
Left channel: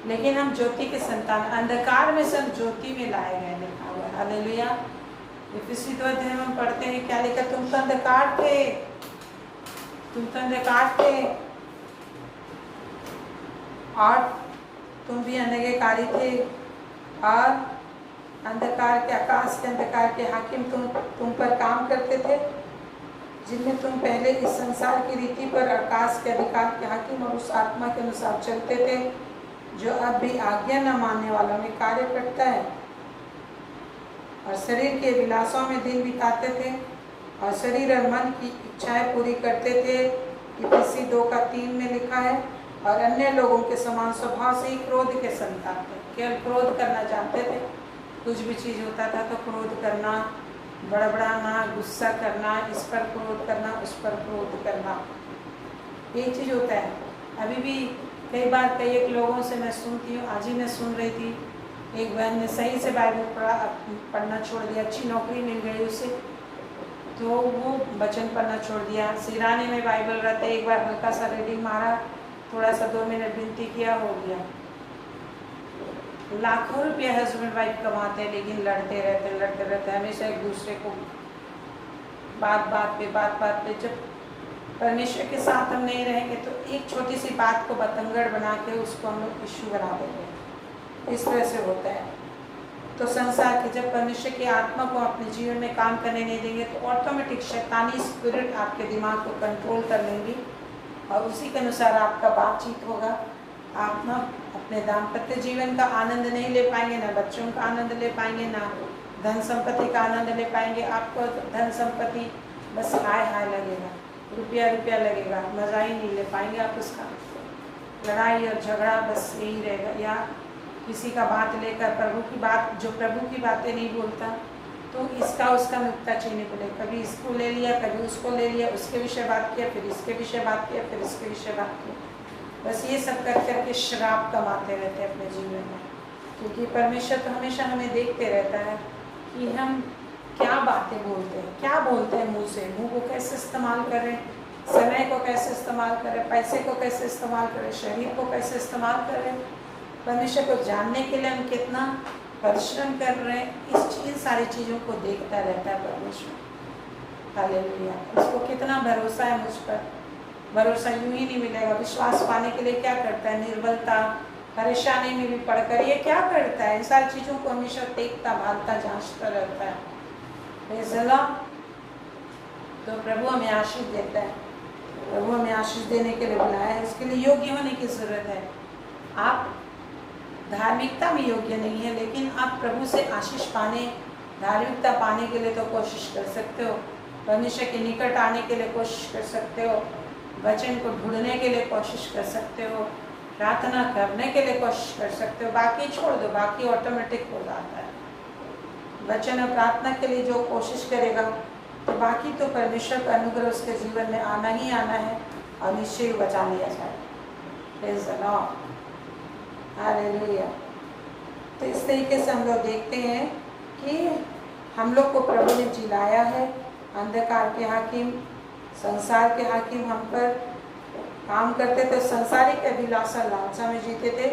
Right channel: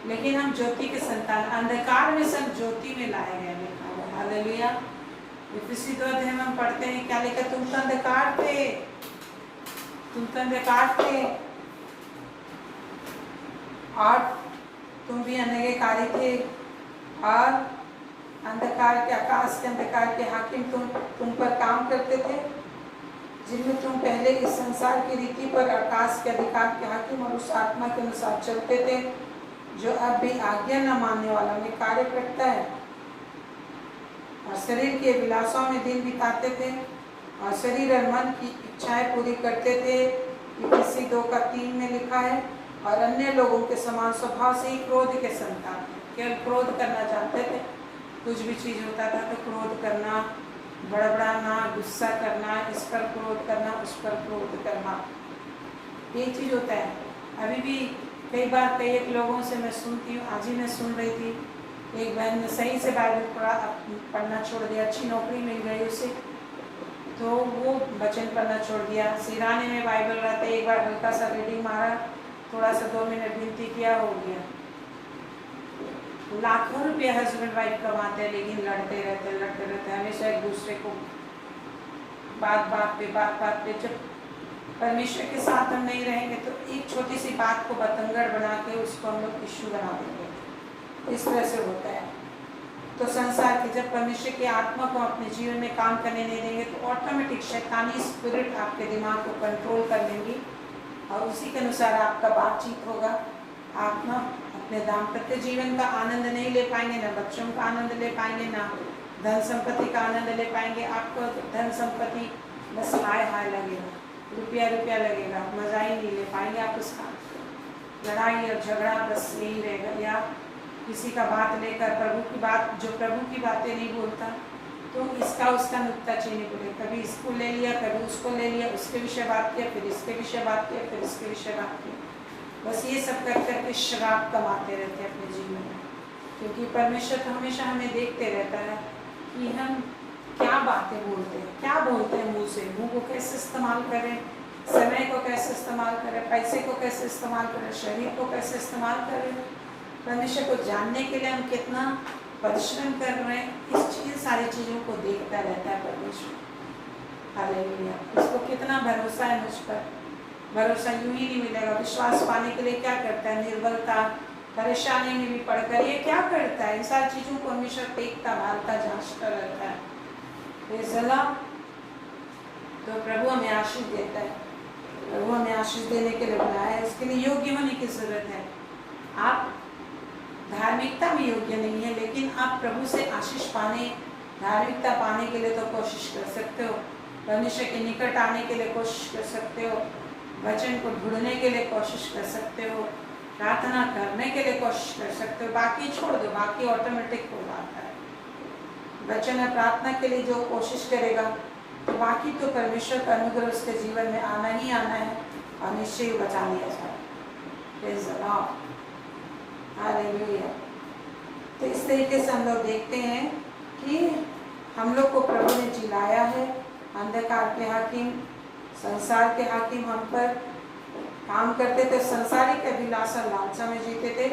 लेकिन हम ज्योति के संतान, अंधकार में सब ज्योति में लाए गए, लिखा हुआ है। हालेलुया। इफिसी 2 अध्याय में हम पढ़ते हैं क्या लिखा? तुम तो अंधकार थे, तुम तो अंधकार थे और तुम भी अनंगकारी थे, और अंधकार के, आकाश के अंधकार के हाकिम तुम पर काम करते थे, जिनमें तुम पहले इस संसार की रीति पर आकाश के अधिकार के हाकिम और उस आत्मा के अनुसार चलते थे जो अब भी आज्ञा न मानने वालों में कार्य करता है, और शरीर के विलासों में दिन बिताते थे और शरीर और मन की इच्छाएं पूरी करते थे। इफिसी 2:3 में लिखा है, और अन्य लोगों के समान स्वभाव से ही क्रोध के संतान थे। केवल क्रोध करना जानते थे, कुछ भी चीज़ होता था तो क्रोध करना, बड़बड़ाना, गुस्सा करना, इस पर क्रोध करना, उस पर क्रोध करना, ये चीज़ होता है। अभी भी कई बार कई एक लोगों से मैं सुनती हूँ, आज ही मैं सुन रही थी, एक बहन ने सही से बाइबल पढ़ना छोड़ दिया, अच्छी नौकरी मिल गई उसे, तो वो वचन पढ़ना छोड़ दिया। सिराने में बाइबल रहता है, एक बार हल्का सा रीडिंग मारा, थोड़ा सा 2 मिनट विनती किया, हो गया। लाखों रुपये हस्बैंड वाइफ कमाते हैं, लेकिन लड़ते रहते हमेशा एक दूसरे को बात बात पे। जब परमेश्वर के साथ हम नहीं रहेंगे तो एक छोटी सी बात को बतंगड़ बना के उसको हम लोग इश्यू बना देंगे। इस तरह से होता है। तो संसार के, जब परमेश्वर की आत्मा को अपने जीवन में काम करने नहीं देंगे तो ऑटोमेटिक शैतानी स्पिरिट आपके दिमाग को कंट्रोल कर लेंगी, और उसी के अनुसार आपका बातचीत होगा। आप ना अपने दाम्पत्य जीवन का आनंद नहीं ले पाएंगे, ना बच्चों का आनंद ले पाएंगे, ना धन संपत्ति का आनंद ले पाएंगे। आपको धन संपत्ति बस हाय लगेगा, रुपया लगेगा, मज़ा ही नहीं ले पाएंगे आप उसका। लड़ाई और झगड़ा बस यही रहेगा, या किसी का बात लेकर प्रभु की बात, जो प्रभु की बातें नहीं बोलता तो इसका उसका नुक्ताचीनी बोले, कभी इसको ले लिया, कभी उसको ले लिया, उसके विषय बात किया, फिर इसके विषय बात किया, फिर इसके विषय बात किया। बस ये सब कर करके श्राप कमाते रहते हैं अपने जीवन में, क्योंकि परमेश्वर तो हमेशा हमें देखते रहता है कि हम क्या बातें बोलते हैं, क्या बोलते हैं मुँह से। मुँह को कैसे इस्तेमाल करें, समय को कैसे इस्तेमाल करें, पैसे को कैसे इस्तेमाल करें, शरीर को कैसे इस्तेमाल करें। परमेश्वर को जानने के लिए हम कितना परिश्रम कर रहे हैं, इन सारी चीज़ों को देखता रहता है परमेश्वर। हालेलुया। उसको कितना भरोसा है मुझ पर। भरोसा यूं ही नहीं मिलेगा। विश्वास पाने के लिए क्या करता है? निर्बलता, परेशानी में भी पड़कर ये क्या करता है? इन सारी चीज़ों को हमेशा देखता, भालता, जांचता रहता है। तो प्रभु हमें आशीष देता है। प्रभु हमें आशीष देने के लिए बुलाया है, इसके लिए योग्य होने की जरूरत है। आप धार्मिकता में योग्य नहीं है, लेकिन आप प्रभु से आशीष पाने, धार्मिकता पाने के लिए तो कोशिश कर सकते हो। परमेश्वर के निकट आने के लिए कोशिश कर सकते हो, वचन को ढूंढने के लिए कोशिश कर सकते हो, प्रार्थना करने के लिए कोशिश कर सकते हो। बाकी छोड़ दो, बाकी ऑटोमेटिक हो जाता है। वचन और प्रार्थना के लिए जो कोशिश करेगा तो बाकी तो परमेश्वर का अनुग्रह उसके जीवन में आना ही आना है, और निश्चय बचा लिया जाए। Praise the Lord. हालेलुया। तो इस तरीके से हम लोग देखते हैं कि हम लोग को प्रभु ने जिलाया है। अंधकार के हाकिम, संसार के हाकिम हम पर काम करते थे, संसारिक अभिलाषा लालसा में जीते थे,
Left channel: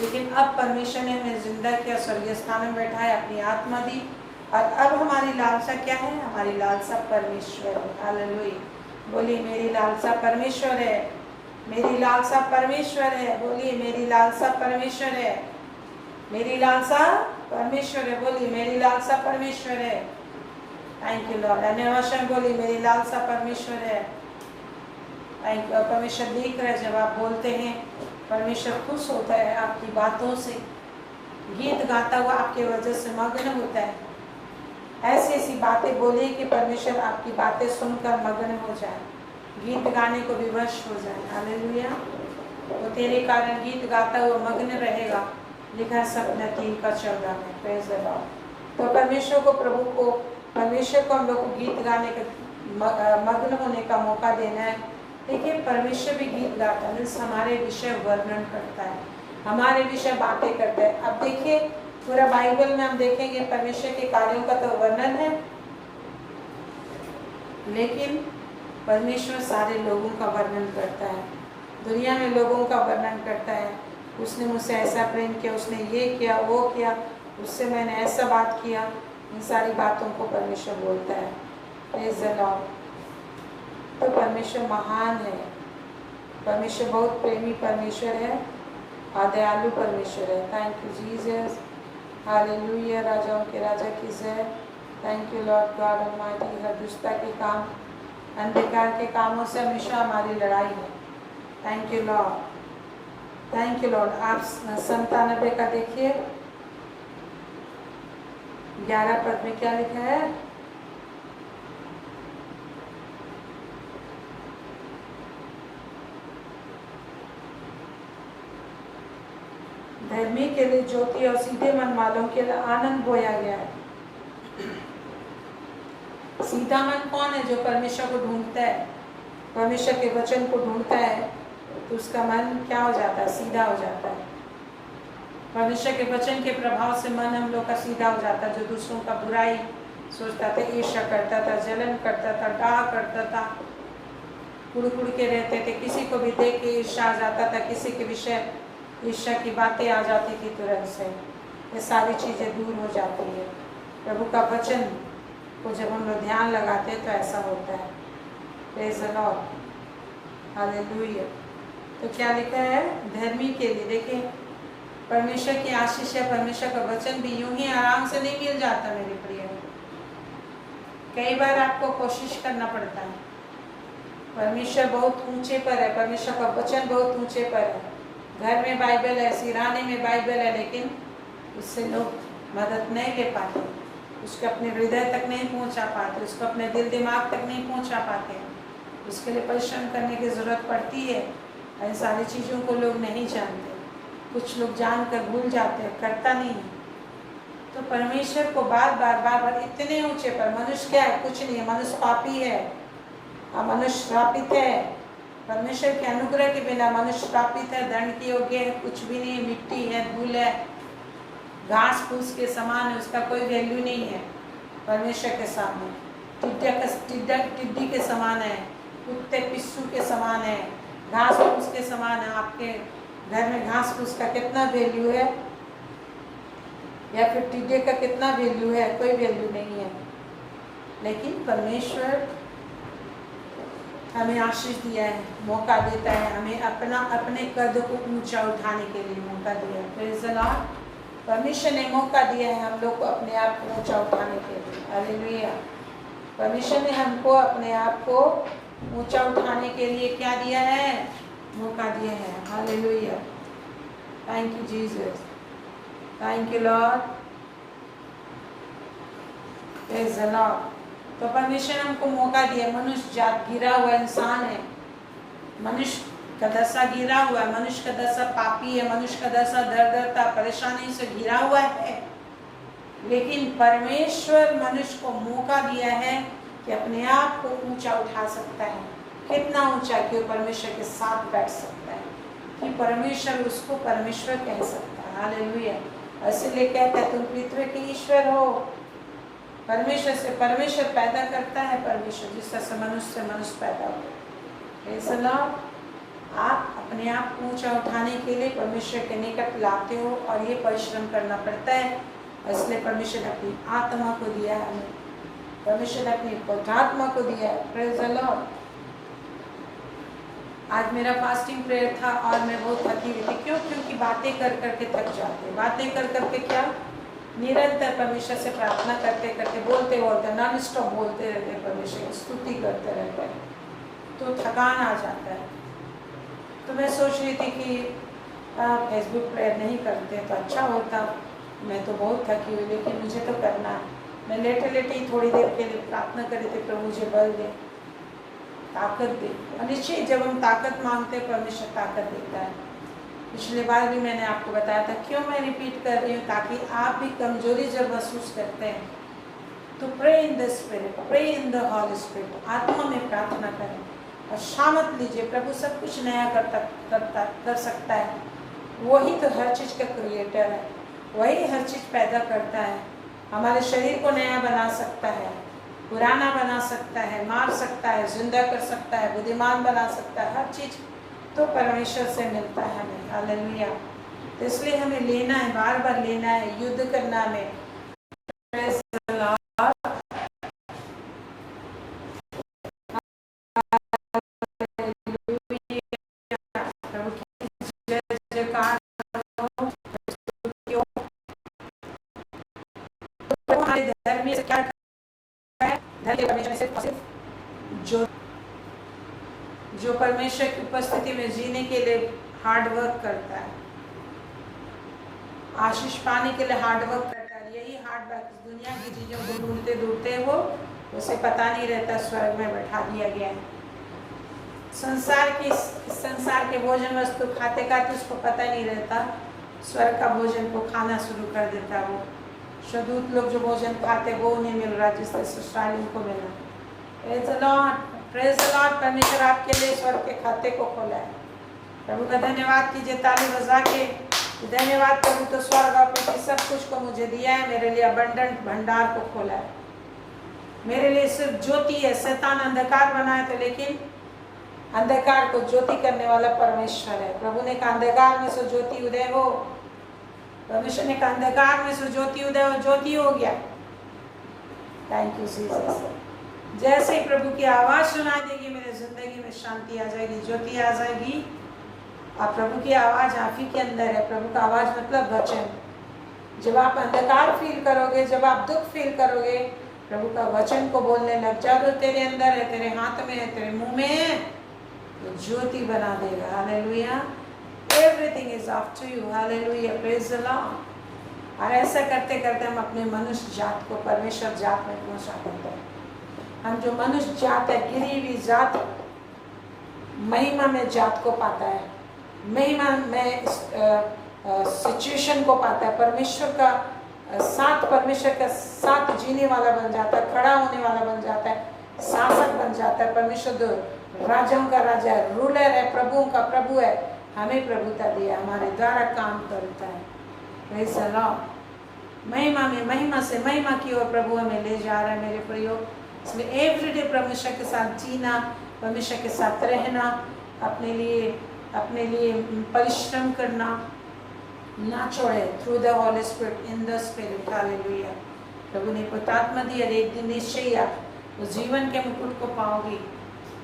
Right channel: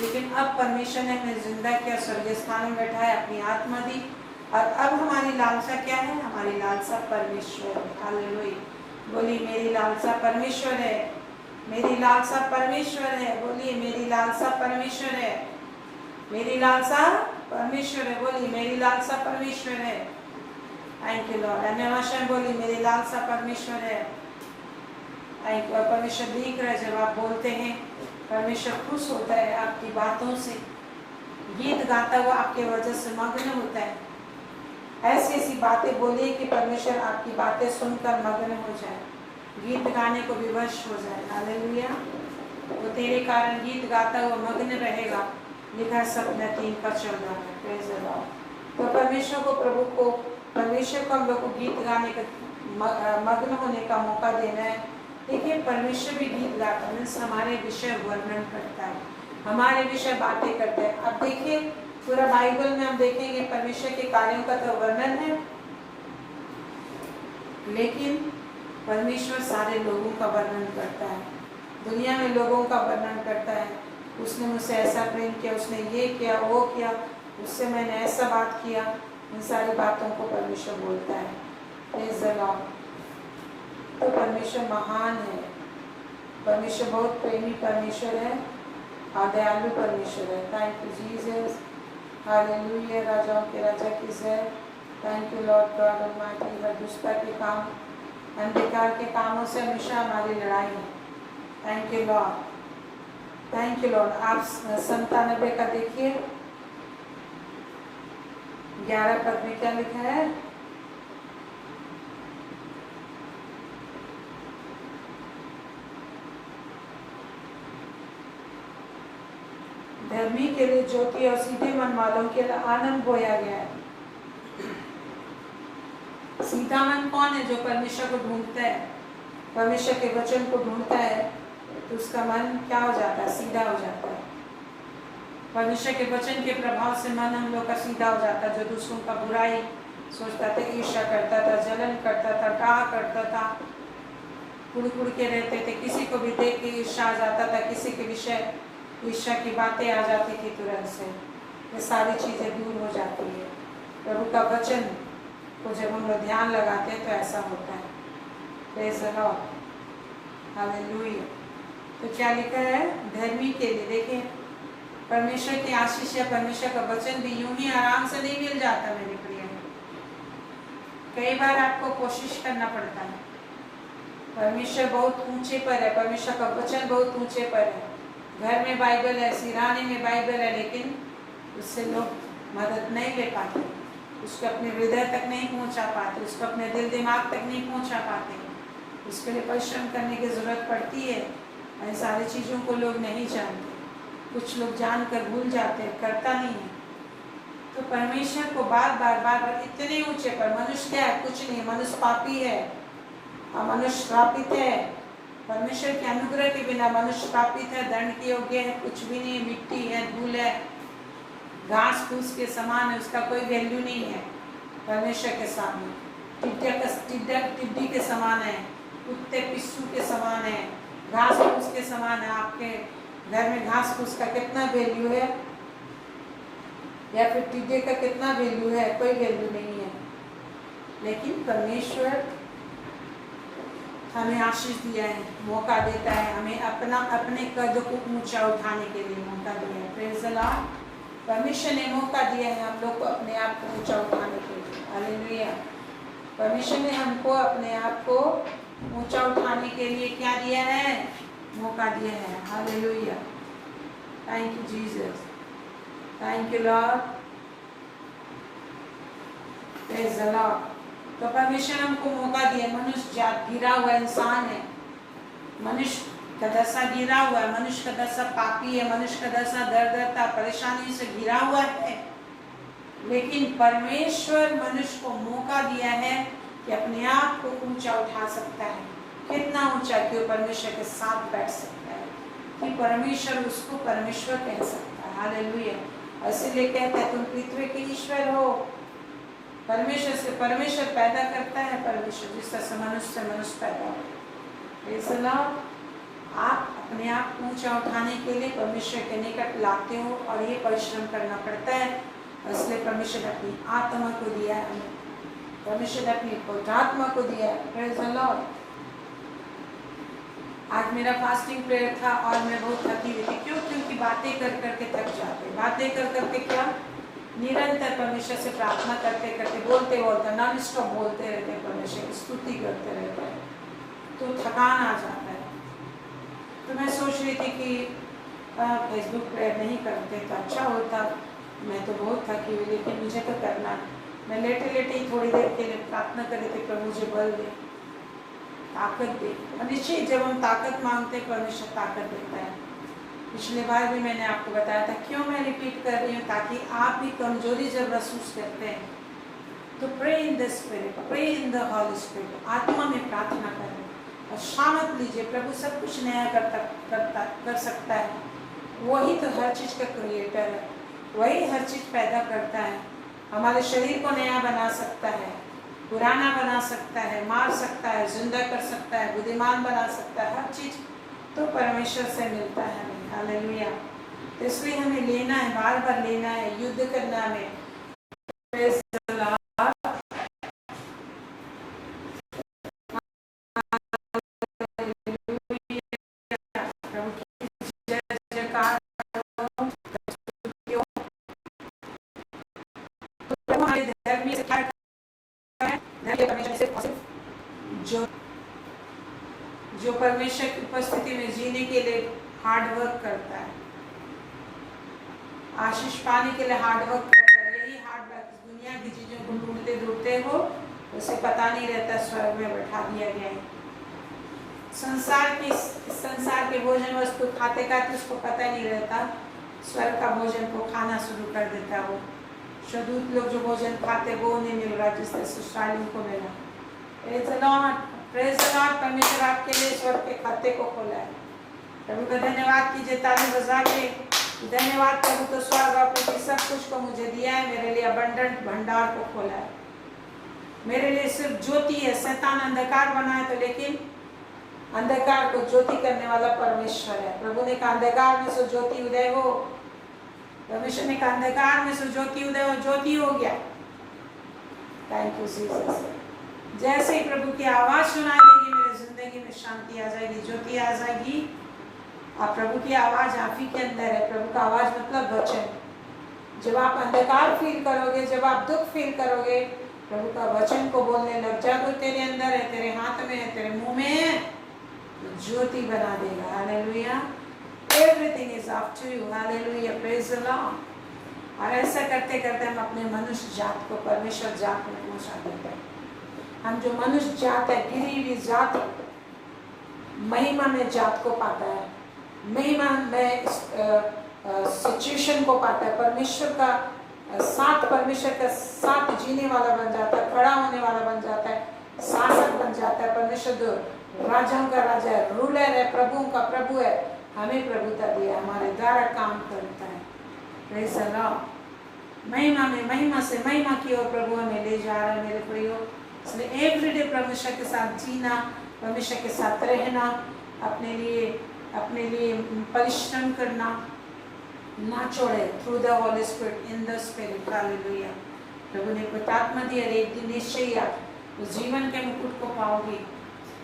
लेकिन अब परमेश्वर ने हमें जिंदा किया, स्वर्गीय स्थान में बैठाया, अपनी आत्मा दी, और अब हमारी लालसा क्या है? हमारी लालसा परमेश्वर है। हालेलुया। बोलिए मेरी लालसा परमेश्वर है, मेरी लालसा परमेश्वर है। बोलिए मेरी लालसा परमेश्वर है, मेरी लालसा परमेश्वर है। बोलिए मेरी लालसा परमेश्वर है। Thank you Lord. अन्य भाषा में बोलिए मेरी लालसा परमेश्वर है। Thank you. परमेश्वर देख रहा है जब आप बोलते हैं, परमेश्वर खुश होता है आपकी बातों से, गीत गाता हुआ आपके वजह से मग्न होता है। ऐसी ऐसी बातें बोलिए कि परमेश्वर आपकी बातें सुनकर मग्न हो जाए, गीत गाने को विवश हो जाए। हालेलुया। वो तेरे कारण गीत गाता हुआ मग्न रहेगा, लिखा है सपना 3:14 में। Praise the Lord. तो परमेश्वर को, प्रभु को, परमेश्वर को हम लोग को गीत गाने का, मग्न होने का मौका देना है। देखिए परमेश्वर भी गीत गाता है, मीन्स हमारे विषय वर्णन करता है, हमारे विषय बातें करता है। अब देखिए पूरा बाइबल में हम देखेंगे परमेश्वर के कार्यों का तो वर्णन है, लेकिन परमेश्वर सारे लोगों का वर्णन करता है, दुनिया में लोगों का वर्णन करता है। उसने मुझसे ऐसा प्रेम किया, उसने ये किया, वो किया, उससे मैंने ऐसा बात किया। इन सारी बातों को परमेश्वर बोलता है। Praise the Lord. तो परमेश्वर महान है, परमेश्वर बहुत प्रेमी परमेश्वर है और दयालु परमेश्वर है। Thank you Jesus. हालेलुया। राजाओं के राजा की जय। Thank you Lord God almighty. हर दुष्टता के काम, अंधकार के कामों से हमेशा हमारी लड़ाई है। Thank you Lord, thank you Lord. आप 97 का देखिए 11 पद में क्या लिखा है? धर्मी के लिए ज्योति और सीधे मन वालों के लिए आनंद बोया गया है। सीधा मन कौन है? जो परमेश्वर को ढूंढता है, परमेश्वर के वचन को ढूंढता है, तो उसका मन क्या हो जाता है? सीधा हो जाता है। परमेश्वर के वचन के प्रभाव से मन हम लोग का सीधा हो जाता है। जो दूसरों का बुराई सोचता था, ईर्ष्या करता था, जलन करता था, डाह करता था, कुड़ कुड़ के रहते थे, किसी को भी देख के ईर्ष्या आ जाता था, किसी के विषय ईर्ष्या की बातें आ जाती थी तुरंत से, ये सारी चीज़ें दूर हो जाती है। प्रभु का वचन को जब हम लोग ध्यान लगाते हैं तो ऐसा होता है। Praise the Lord. हालेलुया। तो क्या लिखा है? धर्मी के लिए। देखिए परमेश्वर की आशीष है, परमेश्वर का वचन भी यूं ही आराम से नहीं मिल जाता मेरे प्रिय। कई बार आपको कोशिश करना पड़ता है। परमेश्वर बहुत ऊंचे पर है, परमेश्वर का वचन बहुत ऊंचे पर है। घर में बाइबल है, सिराने में बाइबल है, लेकिन उससे लोग मदद नहीं ले पाते, उसको अपने हृदय तक नहीं पहुंचा पाते, उसको अपने दिल दिमाग तक नहीं पहुंचा पाते। उसके लिए परिश्रम करने की ज़रूरत पड़ती है। इन सारी चीज़ों को लोग नहीं जानते, कुछ लोग जानकर भूल जाते हैं, करता नहीं है। तो परमेश्वर को बार बार बार बार इतने ऊंचे पर, मनुष्य क्या है? कुछ नहीं, मनुष्य पापी है, मनुष्य श्रापित है। परमेश्वर के अनुग्रह के बिना मनुष्य श्रापित है, दंड के योग्य है, कुछ भी नहीं, मिट्टी है, धूल है, घास फूस के समान है, उसका कोई वैल्यू नहीं है परमेश्वर के सामने। टिड्डी के समान है, कुत्ते पिस्सू के समान है, घास फूस के समान है। आपके घर में घास फूस का कितना वैल्यू है, या फिर टिड्डे का कितना वैल्यू है? कोई वैल्यू नहीं है। लेकिन परमेश्वर हमें आशीष दिया है, मौका देता है, हमें अपने कद को ऊंचा उठाने के लिए मौका दिया है। Praise the Lord. परमेश्वर ने मौका दिया है हम लोग को अपने आप को ऊंचा उठाने के लिए। हालेलुया। परमेश्वर ने हमको अपने आप को ऊंचा उठाने के लिए क्या दिया है? मौका दिया है। Hallelujah. Thank you Jesus, thank you Lord. Praise the Lord. तो परमेश्वर ने हमको मौका दिया। मनुष्य जात गिरा हुआ इंसान है, मनुष्य का दशा गिरा हुआ है, मनुष्य का दशा पापी है, मनुष्य का दशा दर्दता परेशानी से गिरा हुआ है। लेकिन परमेश्वर मनुष्य को मौका दिया है कि अपने आप को ऊंचा उठा सकता है। कितना ऊंचा कि वो परमेश्वर के साथ बैठ सकता है, कि परमेश्वर उसको परमेश्वर कह सकता है। हालेलुया। इसलिए कहता है तुम पृथ्वी के ईश्वर हो, परमेश्वर से परमेश्वर पैदा करता है, परमेश्वर जिस तरह से मनुष्य पैदा हो। Praise the Lord। आप अपने आप को ऊंचा उठाने के लिए परमेश्वर के निकट लाते हो और ये परिश्रम करना पड़ता है। इसलिए परमेश्वर ने अपनी आत्मा को दिया है हमें, परमेश्वर ने अपनी पवित्र आत्मा को दिया है। Praise the Lord। आज मेरा फास्टिंग प्रेयर था और मैं बहुत थकी हुई थी। क्यों? क्योंकि बातें कर करके थक जाते, बातें कर करके क्या निरंतर परमेश्वर से प्रार्थना करते करते बोलते नॉन स्टॉप बोलते रहते हैं, परमेश्वर की स्तुति करते रहते हैं, तो थकान आ जाता है। तो मैं सोच रही थी कि फेसबुक प्रेयर नहीं करते तो अच्छा होता। मैं तो बहुत थकी हुई, लेकिन मुझे तो करना है। मैं लेटे लेटे ही थोड़ी देर के लिए प्रार्थना कर रही थी, प्रभु मुझे बल दे, ताकत दे। और निश्चय जब हम ताकत मांगते हैं परमेश्वर ताकत देता है। पिछले बार भी मैंने आपको बताया था। क्यों मैं रिपीट कर रही हूँ? ताकि आप भी कमजोरी जब महसूस करते हैं तो pray in the spirit, pray in the Holy Spirit, आत्मा में प्रार्थना करें और शामत लीजिए। प्रभु सब कुछ नया कर सकता है। वही तो हर चीज़ का क्रिएटर है, वही हर चीज़ पैदा करता है। हमारे शरीर को नया बना सकता है, पुराना बना सकता है, मार सकता है, जिंदा कर सकता है, बुद्धिमान बना सकता है। हर चीज़ तो परमेश्वर से मिलता है हमें। हालेलुया। तो इसलिए हमें लेना है, बार बार लेना है, युद्ध करना है। जो परमेश्वर की उपस्थिति में जीने के लिए हार्ड वर्क करता है, आशीष पाने के लिए हार्ड वर्क करता है। यही हार्ड वर्क दुनिया की चीज़ों को ढूंढते ढूंढते हो, उसे पता नहीं रहता स्वर्ग में बैठा दिया गया है। संसार के भोजन वस्तु खाते खाते उसको पता नहीं रहता, स्वर्ग का भोजन को खाना शुरू कर देता। वो शदूत लोग जो भोजन खाते वो उन्हें मिल रहा जिससे ससुरालियों को मिला। Praise the Lord, praise the Lord. परमेश्वर आपके लिए स्वर्ग के खाते को खोला है। प्रभु का धन्यवाद कीजिए ताली बजा के। धन्यवाद प्रभु, तो स्वर्ग और पृथ्वी सब कुछ को मुझे दिया है, मेरे लिए अबंडेंट भंडार को खोला है। मेरे लिए सिर्फ ज्योति है। शैतान अंधकार बनाए तो, लेकिन अंधकार को ज्योति करने वाला परमेश्वर है। प्रभु ने कहा अंधकार में से ज्योति उदय हो। परमेश्वर ने कहा अंधकार में से ज्योति उदय हो, ज्योति हो गया। Thank you Jesus. जैसे ही प्रभु की आवाज सुनाई देगी मेरे जिंदगी में शांति आ जाएगी, ज्योति आ जाएगी। और प्रभु की आवाज आप ही के अंदर है। प्रभु का आवाज मतलब वचन। जब आप अंधकार फील करोगे, जब आप दुख फील करोगे, प्रभु का वचन को बोलने लग जाओ तो तेरे अंदर है, तेरे हाथ में है, तेरे मुंह में है, तो ज्योति बना देगा। Hallelujah. Everything is up to you. Hallelujah, praise the Lord. और ऐसा करते करते हम अपने मनुष्य जात को परमेश्वर जात में पहुंचा देते हैं। हम जो मनुष्य जात है, गिरी हुई जात, महिमा में जात को पाता है, महिमा में सिचुएशन को पाता है, परमेश्वर का साथ जीने वाला बन जाता है, खड़ा होने वाला बन जाता है, शासक बन जाता है। परमेश्वर राजाओं का राजा है, रूलर है, प्रभुओं का प्रभु है। हमें प्रभुता दिया, हमारे द्वारा काम करता है। Praise the Lord. महिमा में महिमा से महिमा की ओर प्रभु हमें ले जा रहा है मेरे प्रियो। इसलिए एवरीडे परमेश्वर के साथ जीना, परमेश्वर के साथ रहना, अपने लिए परिश्रम करना ना छोड़े। Through the Holy Spirit, in the spirit. Hallelujah. प्रभु ने पवित्र दी और एक दिन निश्चय आप उस जीवन के मुकुट को पाओगी।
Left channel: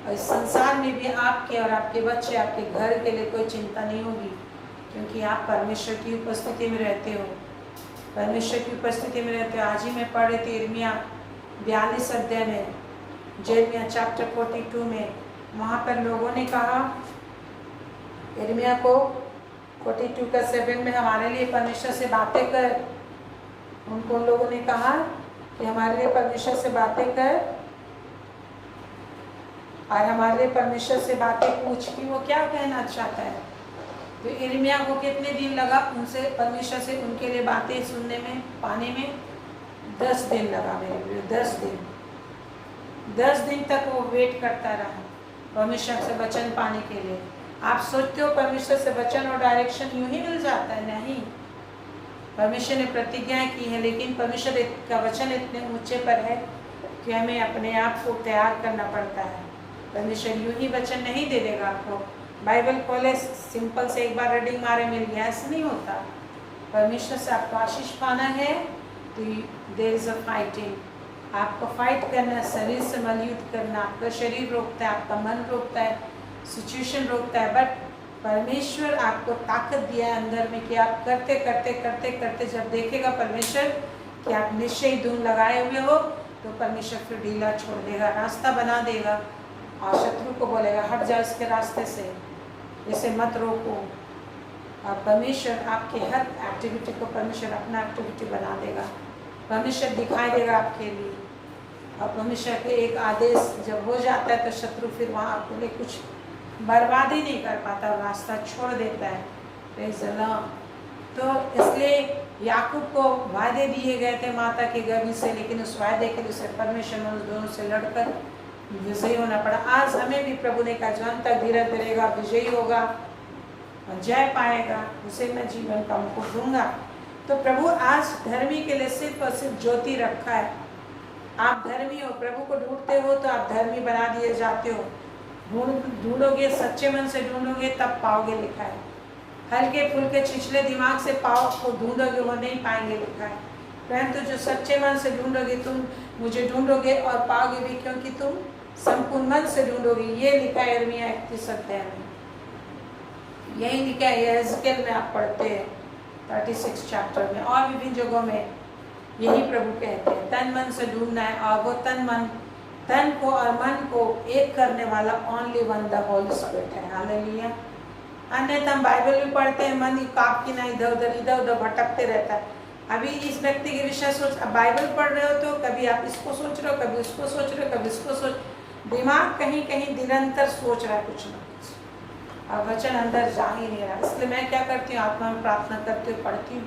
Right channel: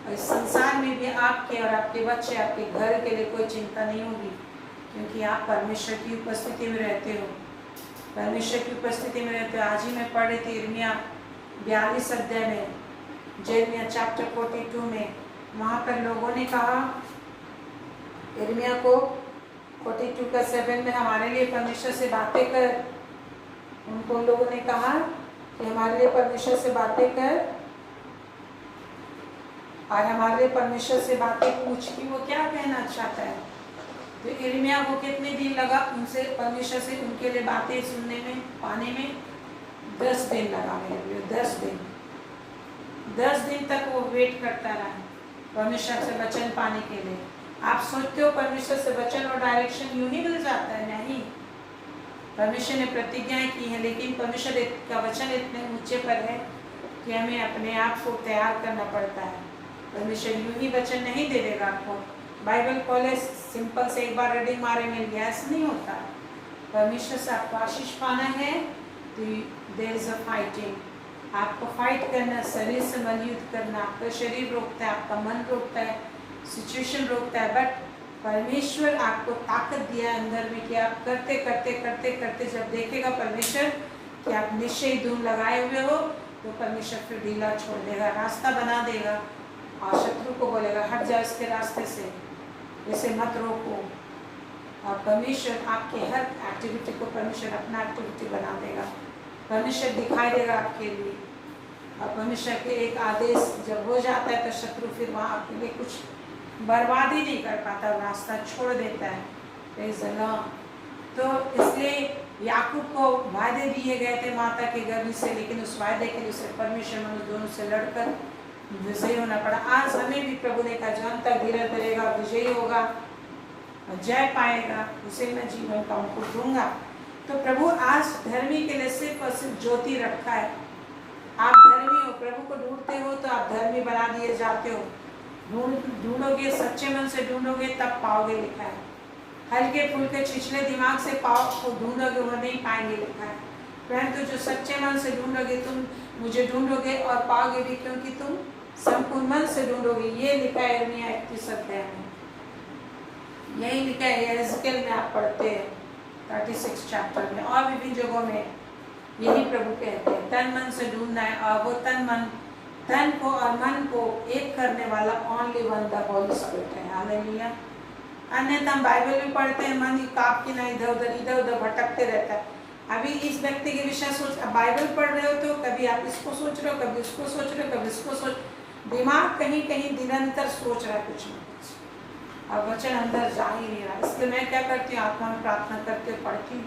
और इस संसार में भी आपके और आपके बच्चे, आपके घर के लिए कोई चिंता नहीं होगी, क्योंकि आप परमेश्वर की उपस्थिति में रहते हो। परमेश्वर की उपस्थिति में रहते हो। आज ही मैं पढ़ रही थी यिर्मयाह 42 अध्याय में, यिर्मयाह चैप्टर 42 में। वहाँ पर लोगों ने कहा यिर्मयाह को 42 का 7 में, हमारे लिए परमेश्वर से बातें कर। उनको लोगों ने कहा कि हमारे लिए परमेश्वर से बातें कर और हमारे लिए परमेश्वर से बातें पूछ कि वो क्या कहना चाहता है। तो यिर्मयाह को कितने दिन लगा उनसे, परमेश्वर से उनके लिए बातें सुनने में, पाने में? 10 दिन लगा मेरे लिए। 10 दिन तक वो वेट करता रहा परमेश्वर से वचन पाने के लिए। आप सोचते हो परमेश्वर से वचन और डायरेक्शन यूं ही मिल जाता है? नहीं। परमेश्वर ने प्रतिज्ञाएं की हैं, लेकिन परमेश्वर का वचन इतने ऊंचे पर है कि हमें अपने आप को तैयार करना पड़ता है। परमेश्वर यूं ही वचन नहीं दे देगा आपको। बाइबल खोले, सिंपल से एक बार रीडिंग मारे मिल गया, ऐसा नहीं होता। परमेश्वर से आपको आशीष पाना है तो देयर इज अ फाइटिंग। आपको फाइट करना, शरीर से मलयुद्ध करना। आपका शरीर रोकता है, आपका मन रोकता है, सिचुएशन रोकता है, बट परमेश्वर आपको ताकत दिया है अंदर में कि आप करते करते करते करते जब देखेगा परमेश्वर कि आप निश्चय ही धूम लगाए हुए हो, तो परमेश्वर फिर ढीला छोड़ देगा, रास्ता बना देगा और शत्रु को बोलेगा हट जाओ इसके रास्ते से, इसे मत रोको। परमेश्वर आपके हर एक्टिविटी को परमेश्वर अपना एक्टिविटी बना देगा। परमेश्वर दिखाई देगा आपके लिए। और परमेश्वर के एक आदेश जब हो जाता है तो शत्रु फिर वहाँ आपके लिए कुछ बर्बाद ही नहीं कर पाता, रास्ता छोड़ देता है। Praise the Lord. तो इसलिए याकूब को वायदे दिए गए थे माता के गर्भ से, लेकिन उस वायदे के लिए उसे परमेश्वर में उस दोनों से लड़कर विजयी होना पड़ा। आज हमें भी प्रभु ने कहा जो अंत तक धीरज धरेगा विजयी होगा और जय पाएगा, उसे मैं जीवन का मुकुट दूंगा। तो प्रभु आज धर्मी के लिए सिर्फ और सिर्फ ज्योति रखा है। आप धर्मी हो, प्रभु को ढूंढते हो तो आप धर्मी बना दिए जाते हो। ढूंढोगे, सच्चे मन से ढूंढोगे तब पाओगे, लिखा है। हल्के फुल्के छिछले दिमाग से पाओ को ढूंढोगे वो नहीं पाएंगे, लिखा है। परंतु जो सच्चे मन से ढूंढोगे, तुम मुझे ढूंढोगे और पाओगे भी, क्योंकि तुम संपूर्ण मन से ढूंढोगे। ये लिखा है यिर्मयाह 31 अध्याय में, यही लिखा है यहेजकेल में आप पढ़ते हैं 36 चैप्टर में, और विभिन्न जगहों में यही प्रभु कहते हैं तन मन से ढूंढना है। और वो तन को और मन को एक करने वाला only one the Holy spirit है। हालेलुया। अन्यथा हम बाइबल भी पढ़ते हैं, मन काप की ना इधर उधर भटकते रहता है। अभी इस व्यक्ति के विषय सोच, अब बाइबल पढ़ रहे हो तो कभी आप इसको सोच रहे हो, कभी उसको सोच रहे हो, कभी इसको सोच, दिमाग कहीं कहीं निरंतर सोच रहा है कुछ ना कुछ, और वचन अंदर जा ही नहीं रहा। इसलिए मैं क्या करती हूँ, आत्मा में प्रार्थना करती हूँ, पढ़ती हूँ,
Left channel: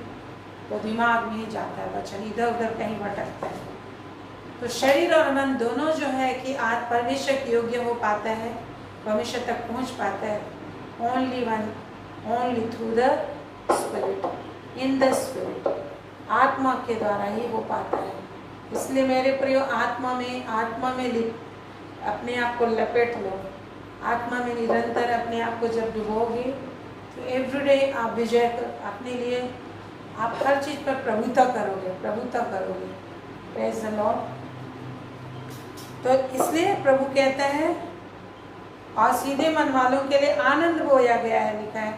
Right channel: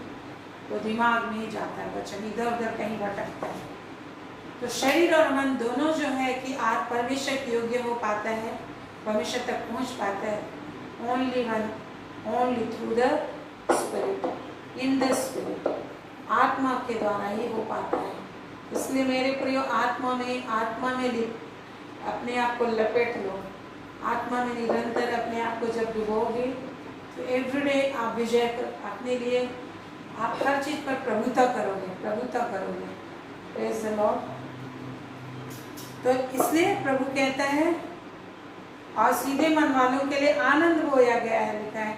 तो दिमाग में ही जाता है वचन, इधर उधर कहीं भटकता है। तो शरीर और मन दोनों जो है कि आज परमेश्वर के योग्य हो पाता है, परमेश्वर तक पहुँच पाता है only one, only through the spirit, in the spirit, आत्मा के द्वारा ही हो पाता है। इसलिए मेरे प्रियो आत्मा में अपने आप को लपेट लो। आत्मा में निरंतर अपने आप को जब डुबोगे तो एवरीडे आप विजय अपने लिए, आप हर चीज़ पर प्रभुता करोगे। Praise the Lord. तो इसलिए प्रभु कहता है और सीधे मन वालों के लिए आनंद बोया गया है, लिखा है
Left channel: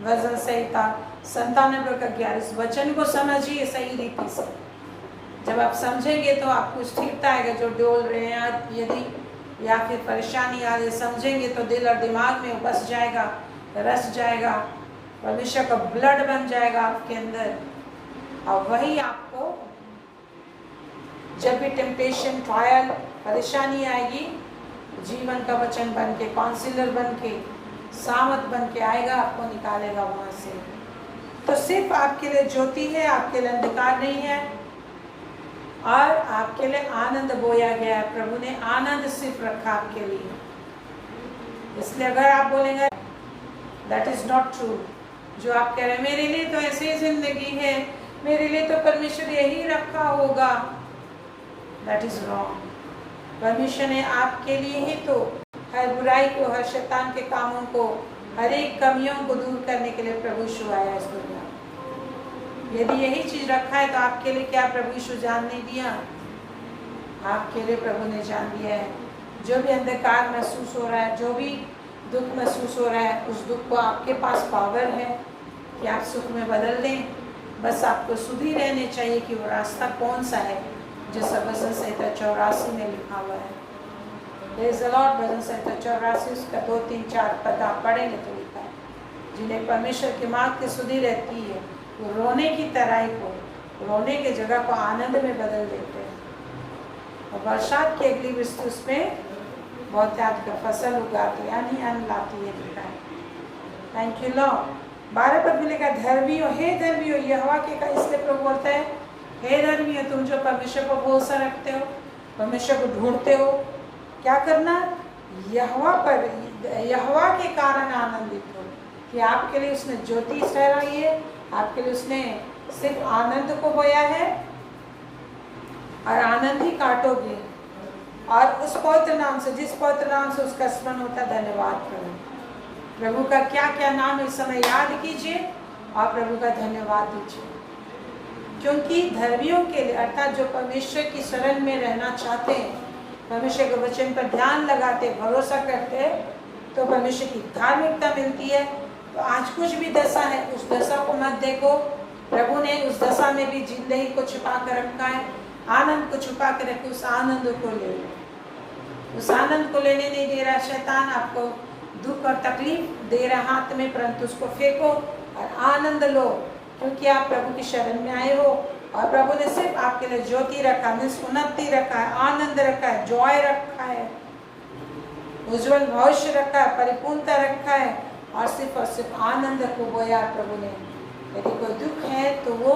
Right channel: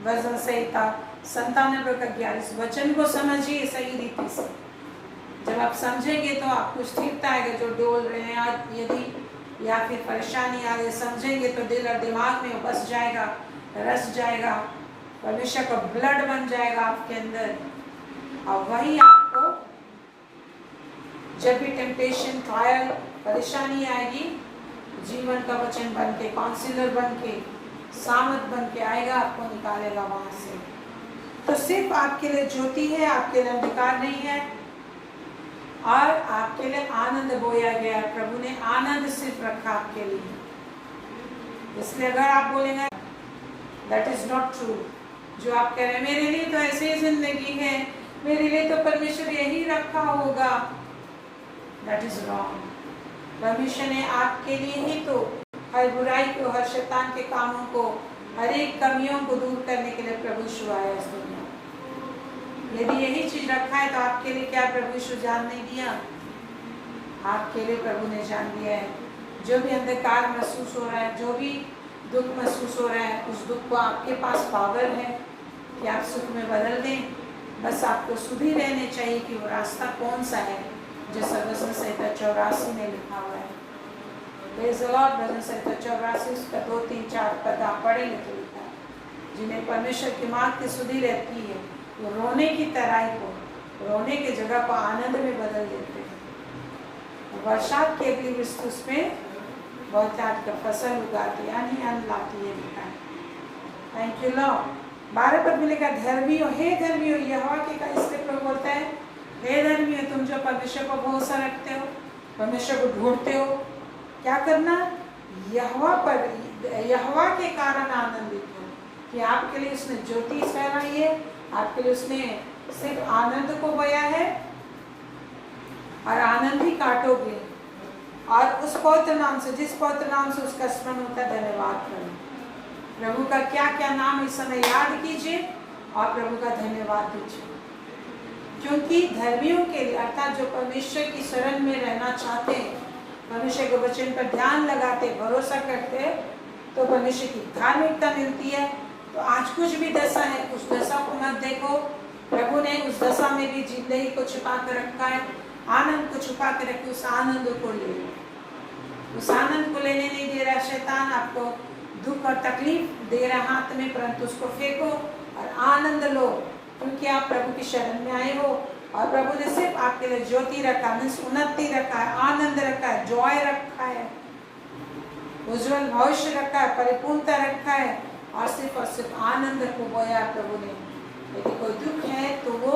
वजन संहिता 97 का 11। वचन को समझिए सही रीति से। जब आप समझेंगे तो आपको स्थिरता आएगा। जो डोल रहे हैं आज यदि या फिर परेशानी आ रही, समझेंगे तो दिल और दिमाग में बस जाएगा, रस जाएगा, परमेश्वर का ब्लड बन जाएगा आपके अंदर। और वही आपको जब भी टेम्पटेशन, ट्रायल, परेशानी आएगी, जीवन का वचन बन के, काउंसिलर बन के, सामत बन के आएगा, आपको निकालेगा वहां से। तो सिर्फ आपके लिए ज्योति है, आपके लिए अंधकार नहीं है, और आपके लिए आनंद बोया गया है। प्रभु ने आनंद सिर्फ रखा आपके लिए। इसलिए अगर आप बोलेंगे दैट इज नॉट ट्रू, जो आप कह रहे हैं मेरे लिए तो ऐसे ही जिंदगी है, मेरे लिए तो परमेश्वर यही रखा होगा, दैट इज रॉन्ग। परमेश्वर ने आपके लिए ही तो हर बुराई को, हर शैतान के कामों को, हर एक कमियों को दूर करने के लिए प्रभु यीशु आया इस दुनिया में। यदि यही चीज रखा है तो आपके लिए क्या प्रभु यीशु जान नहीं दिया? आपके लिए प्रभु ने जान दिया है। जो भी अंधकार महसूस हो रहा है, जो भी दुख महसूस हो रहा है, उस दुख को आपके पास पावर है कि आप सुख में बदल दें। बस आपको सुधी रहने चाहिए कि वो रास्ता कौन सा है, जैसा वचन संहिता 84 में लिखा हुआ है। Praise the Lord. वचन संहिता 84 उसका 2, 3, 4 पद आप पढ़ेंगे तो लिखा है, जिन्हें परमेश्वर की मार्ग की सुधी रहती है वो रोने की तराई को, रोने की जगह को आनंद में बदल देते हैं, और बरसात की अगली वृष्टि उसमें बहुत याद का फसल उगाती, यानी अन्न लाती है, लिखा है। Thank you Lord. 12 पद में लिखा, धर्मी हो, हे धर्मी हो यहोवा के का। इसलिए प्रभु बोलता है हे धर्मी हो, तुम जो परमेश्वर को भरोसा रखते हो, परमेश्वर को ढूंढते हो, क्या करना? यहोवा के कारण आनंदित हो कि आपके लिए उसने ज्योति ठहराई है, आपके लिए उसने सिर्फ आनंद को बोया है और आनंद ही काटोगे। और उस पवित्र नाम से, जिस पवित्र नाम से उसका स्मरण होता है, धन्यवाद करो। प्रभु का क्या क्या नाम इस समय याद कीजिए और प्रभु का धन्यवाद दीजिए, क्योंकि धर्मियों के लिए, अर्थात जो परमेश्वर की शरण में रहना चाहते हैं, परमेश्वर के वचन पर ध्यान लगाते, भरोसा करते, तो परमेश्वर की धार्मिकता मिलती है। तो आज कुछ भी दशा है, उस दशा को मत देखो। प्रभु ने उस दशा में भी जिंदगी को छिपा कर रखा है, आनंद को छुपा कर रखे। उस आनंद को ले लो। उस आनंद को लेने नहीं दे रहा शैतान, आपको दुख और तकलीफ दे रहा हाथ में, परंतु उसको फेंको और आनंद लो, क्योंकि आप प्रभु की शरण में आए हो और प्रभु ने सिर्फ आपके लिए ज्योति रखा है, उन्नति रखा है, आनंद रखा है, जॉय रखा है, उज्जवल भविष्य रखा है, परिपूर्णता रखा है और सिर्फ आनंद को बोया प्रभु ने। यदि कोई दुख है तो वो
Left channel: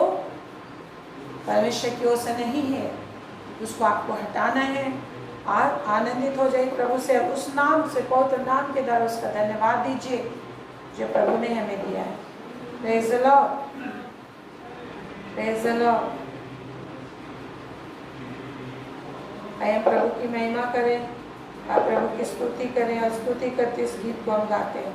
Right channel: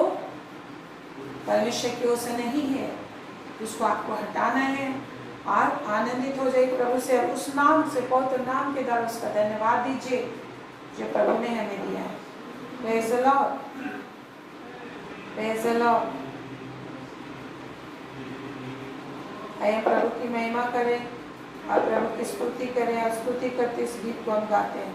परमेश्वर की ओर से नहीं है, उसको आपको हटाना है और आनंदित हो जाइए प्रभु से। उस नाम से, पवित्र नाम के द्वारा उसका धन्यवाद दीजिए जो प्रभु ने हमें दिया है। Praise the Lord, praise the Lord. आइए प्रभु की महिमा करें और प्रभु की स्तुति करें, और स्तुति करते इस गीत को हम गाते हैं।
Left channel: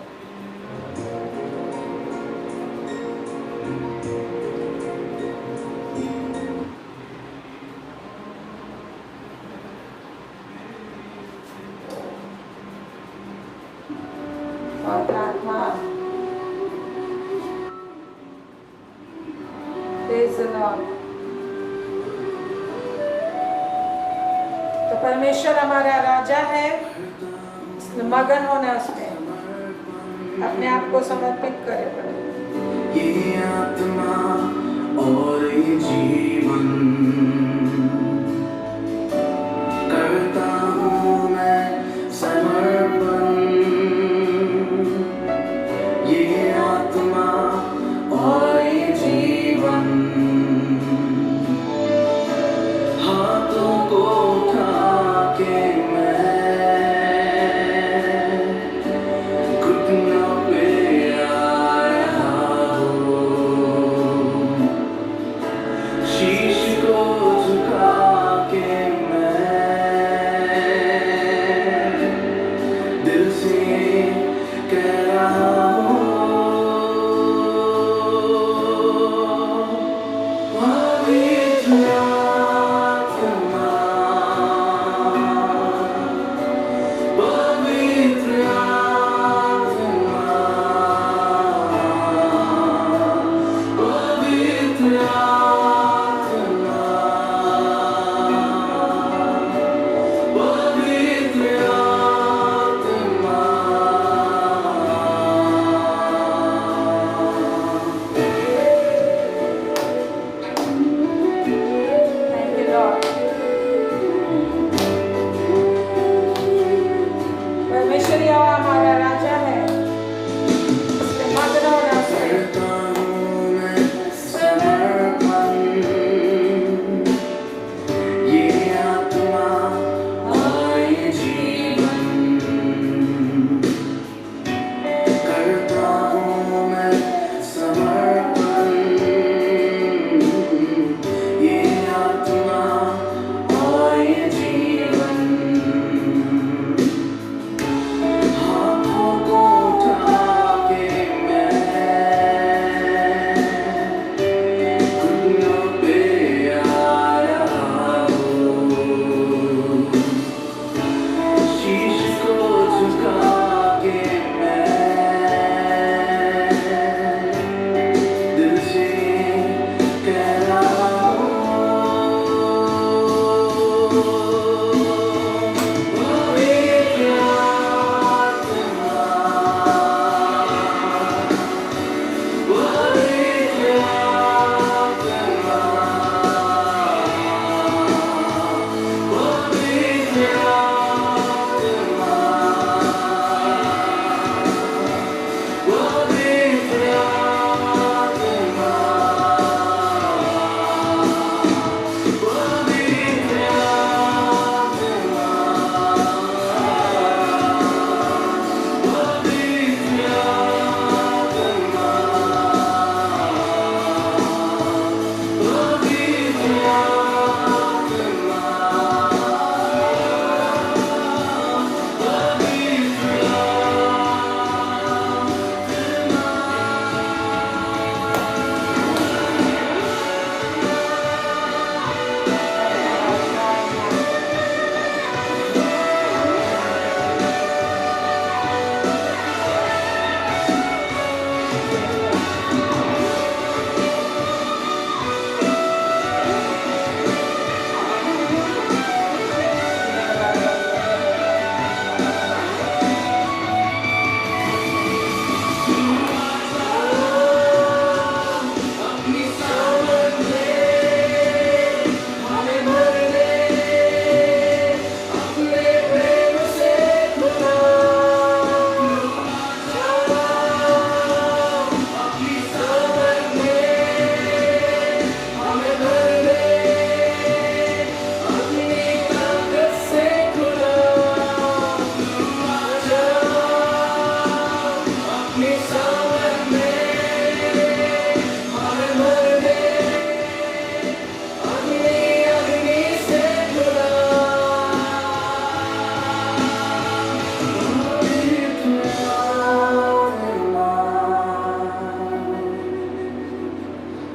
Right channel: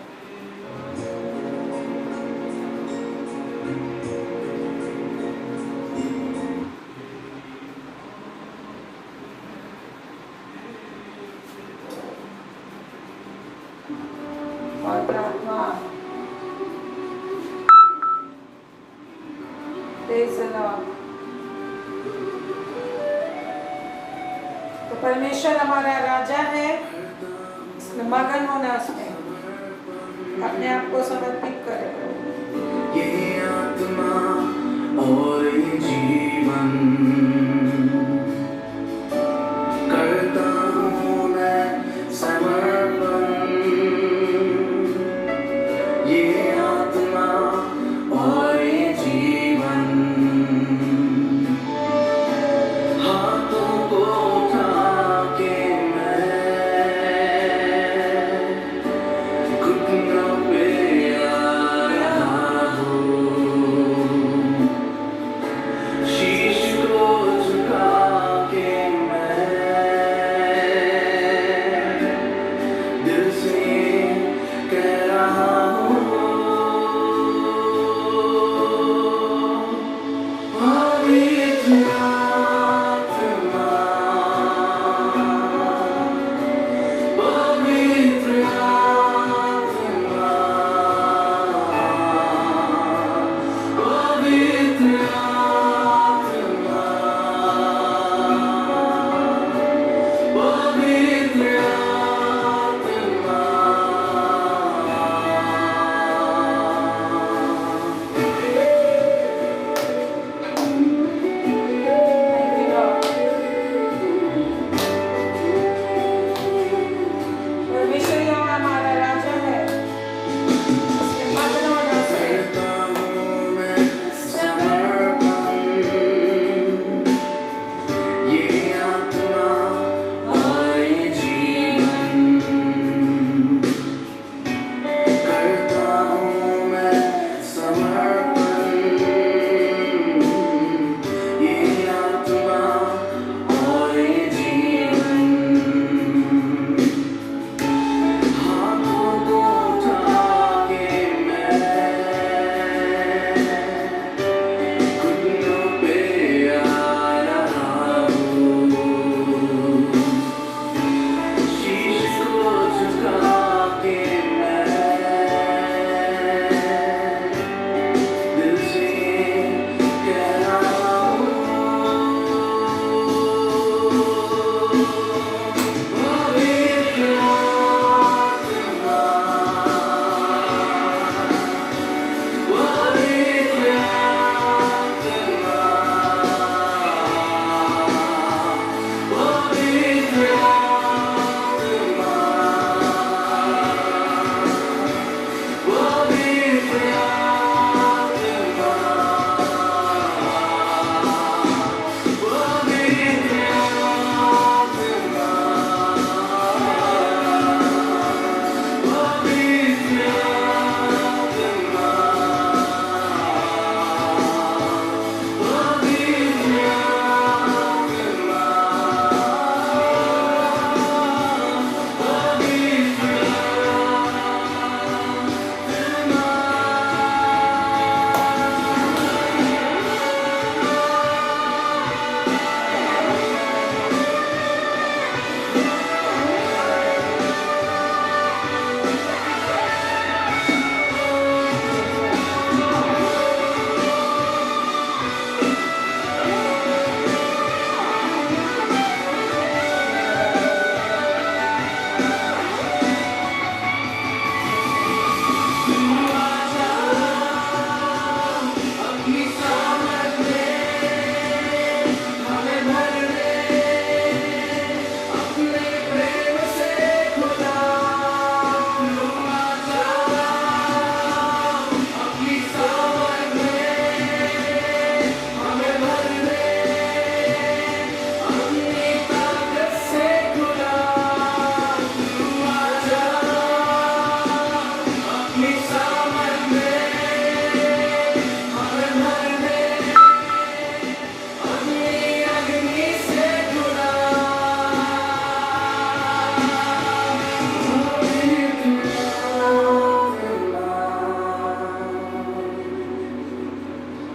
तो परमेश्वर हमारा राजा है, मगन होना उसमें, अपने आप को समर्पित करे प्रभु। ये आत्मा और ये जीवन करता हूँ मैं समर्पण। ये आत्मा और ये जीवन हाथों को उठा के घुटनों पे आया हूँ, शीश को झुका के मैं दिल से कह रहा हूँ, पवित्र आत्मा, पवित्र आत्मा, पवित्र आत्मा, पवित्र Thank you, Lord. परमेश्वर यहोवा हमारा राजा है, उसमें मगन होना उसमें। करता हूँ मैं समर्पण।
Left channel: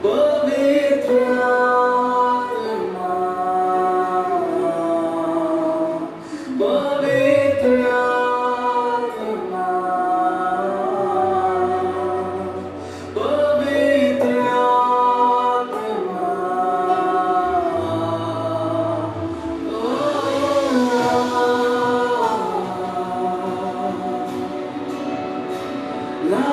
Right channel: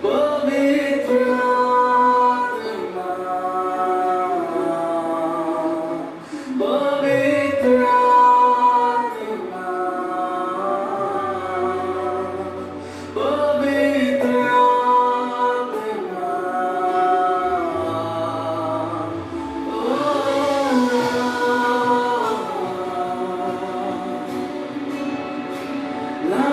पवित्र आत्मा, पवित्र आत्मा, पवित्र आत्मा, ला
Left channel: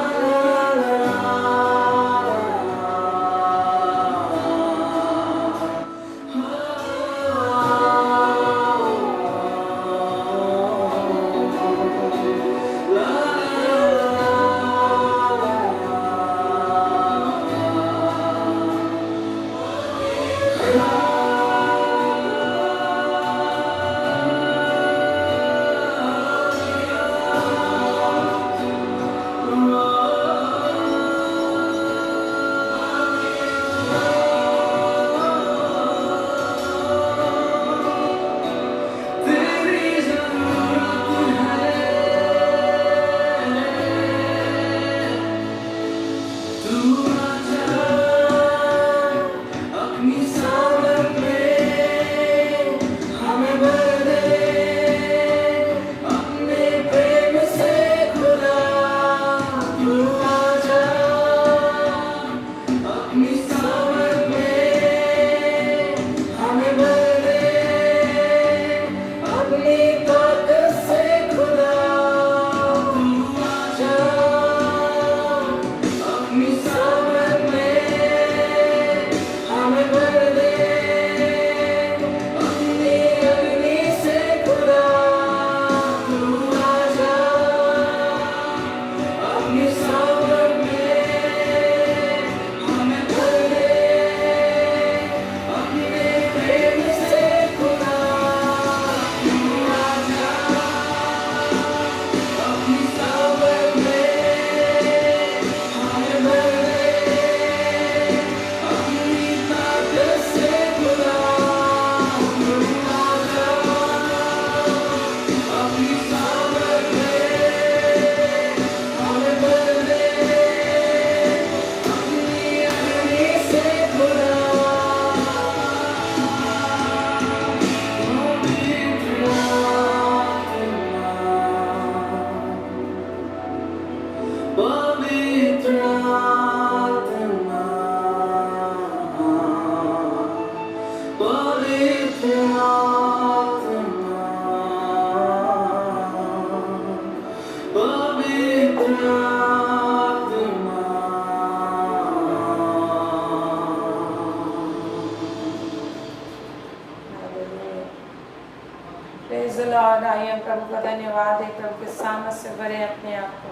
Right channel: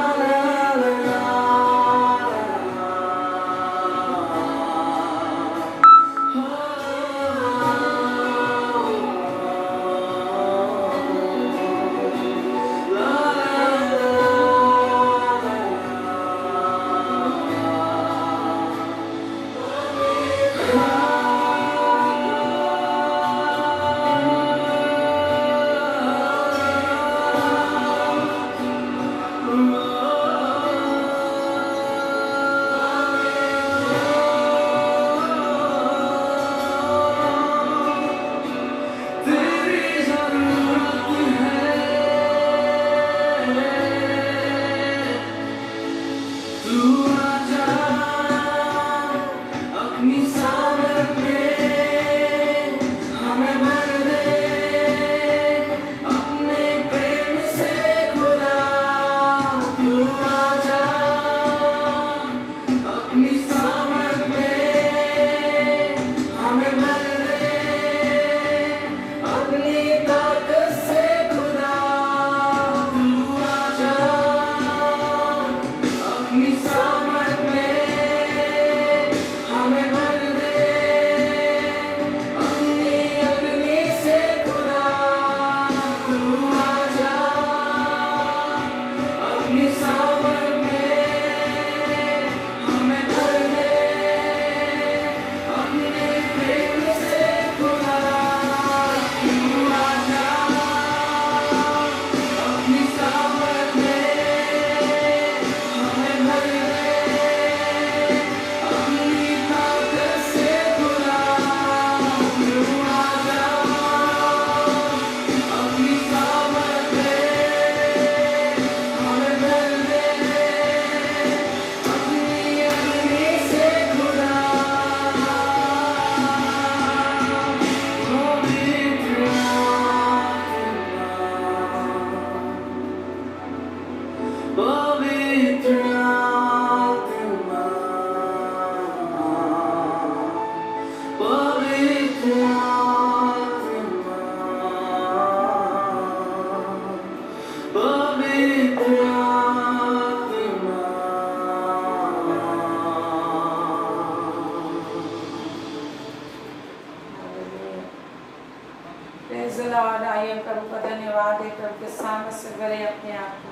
प्रेज़ द लॉर्ड। आइए प्रभु का धन्यवाद है, प्रभु के सामने से भरे अपने आप को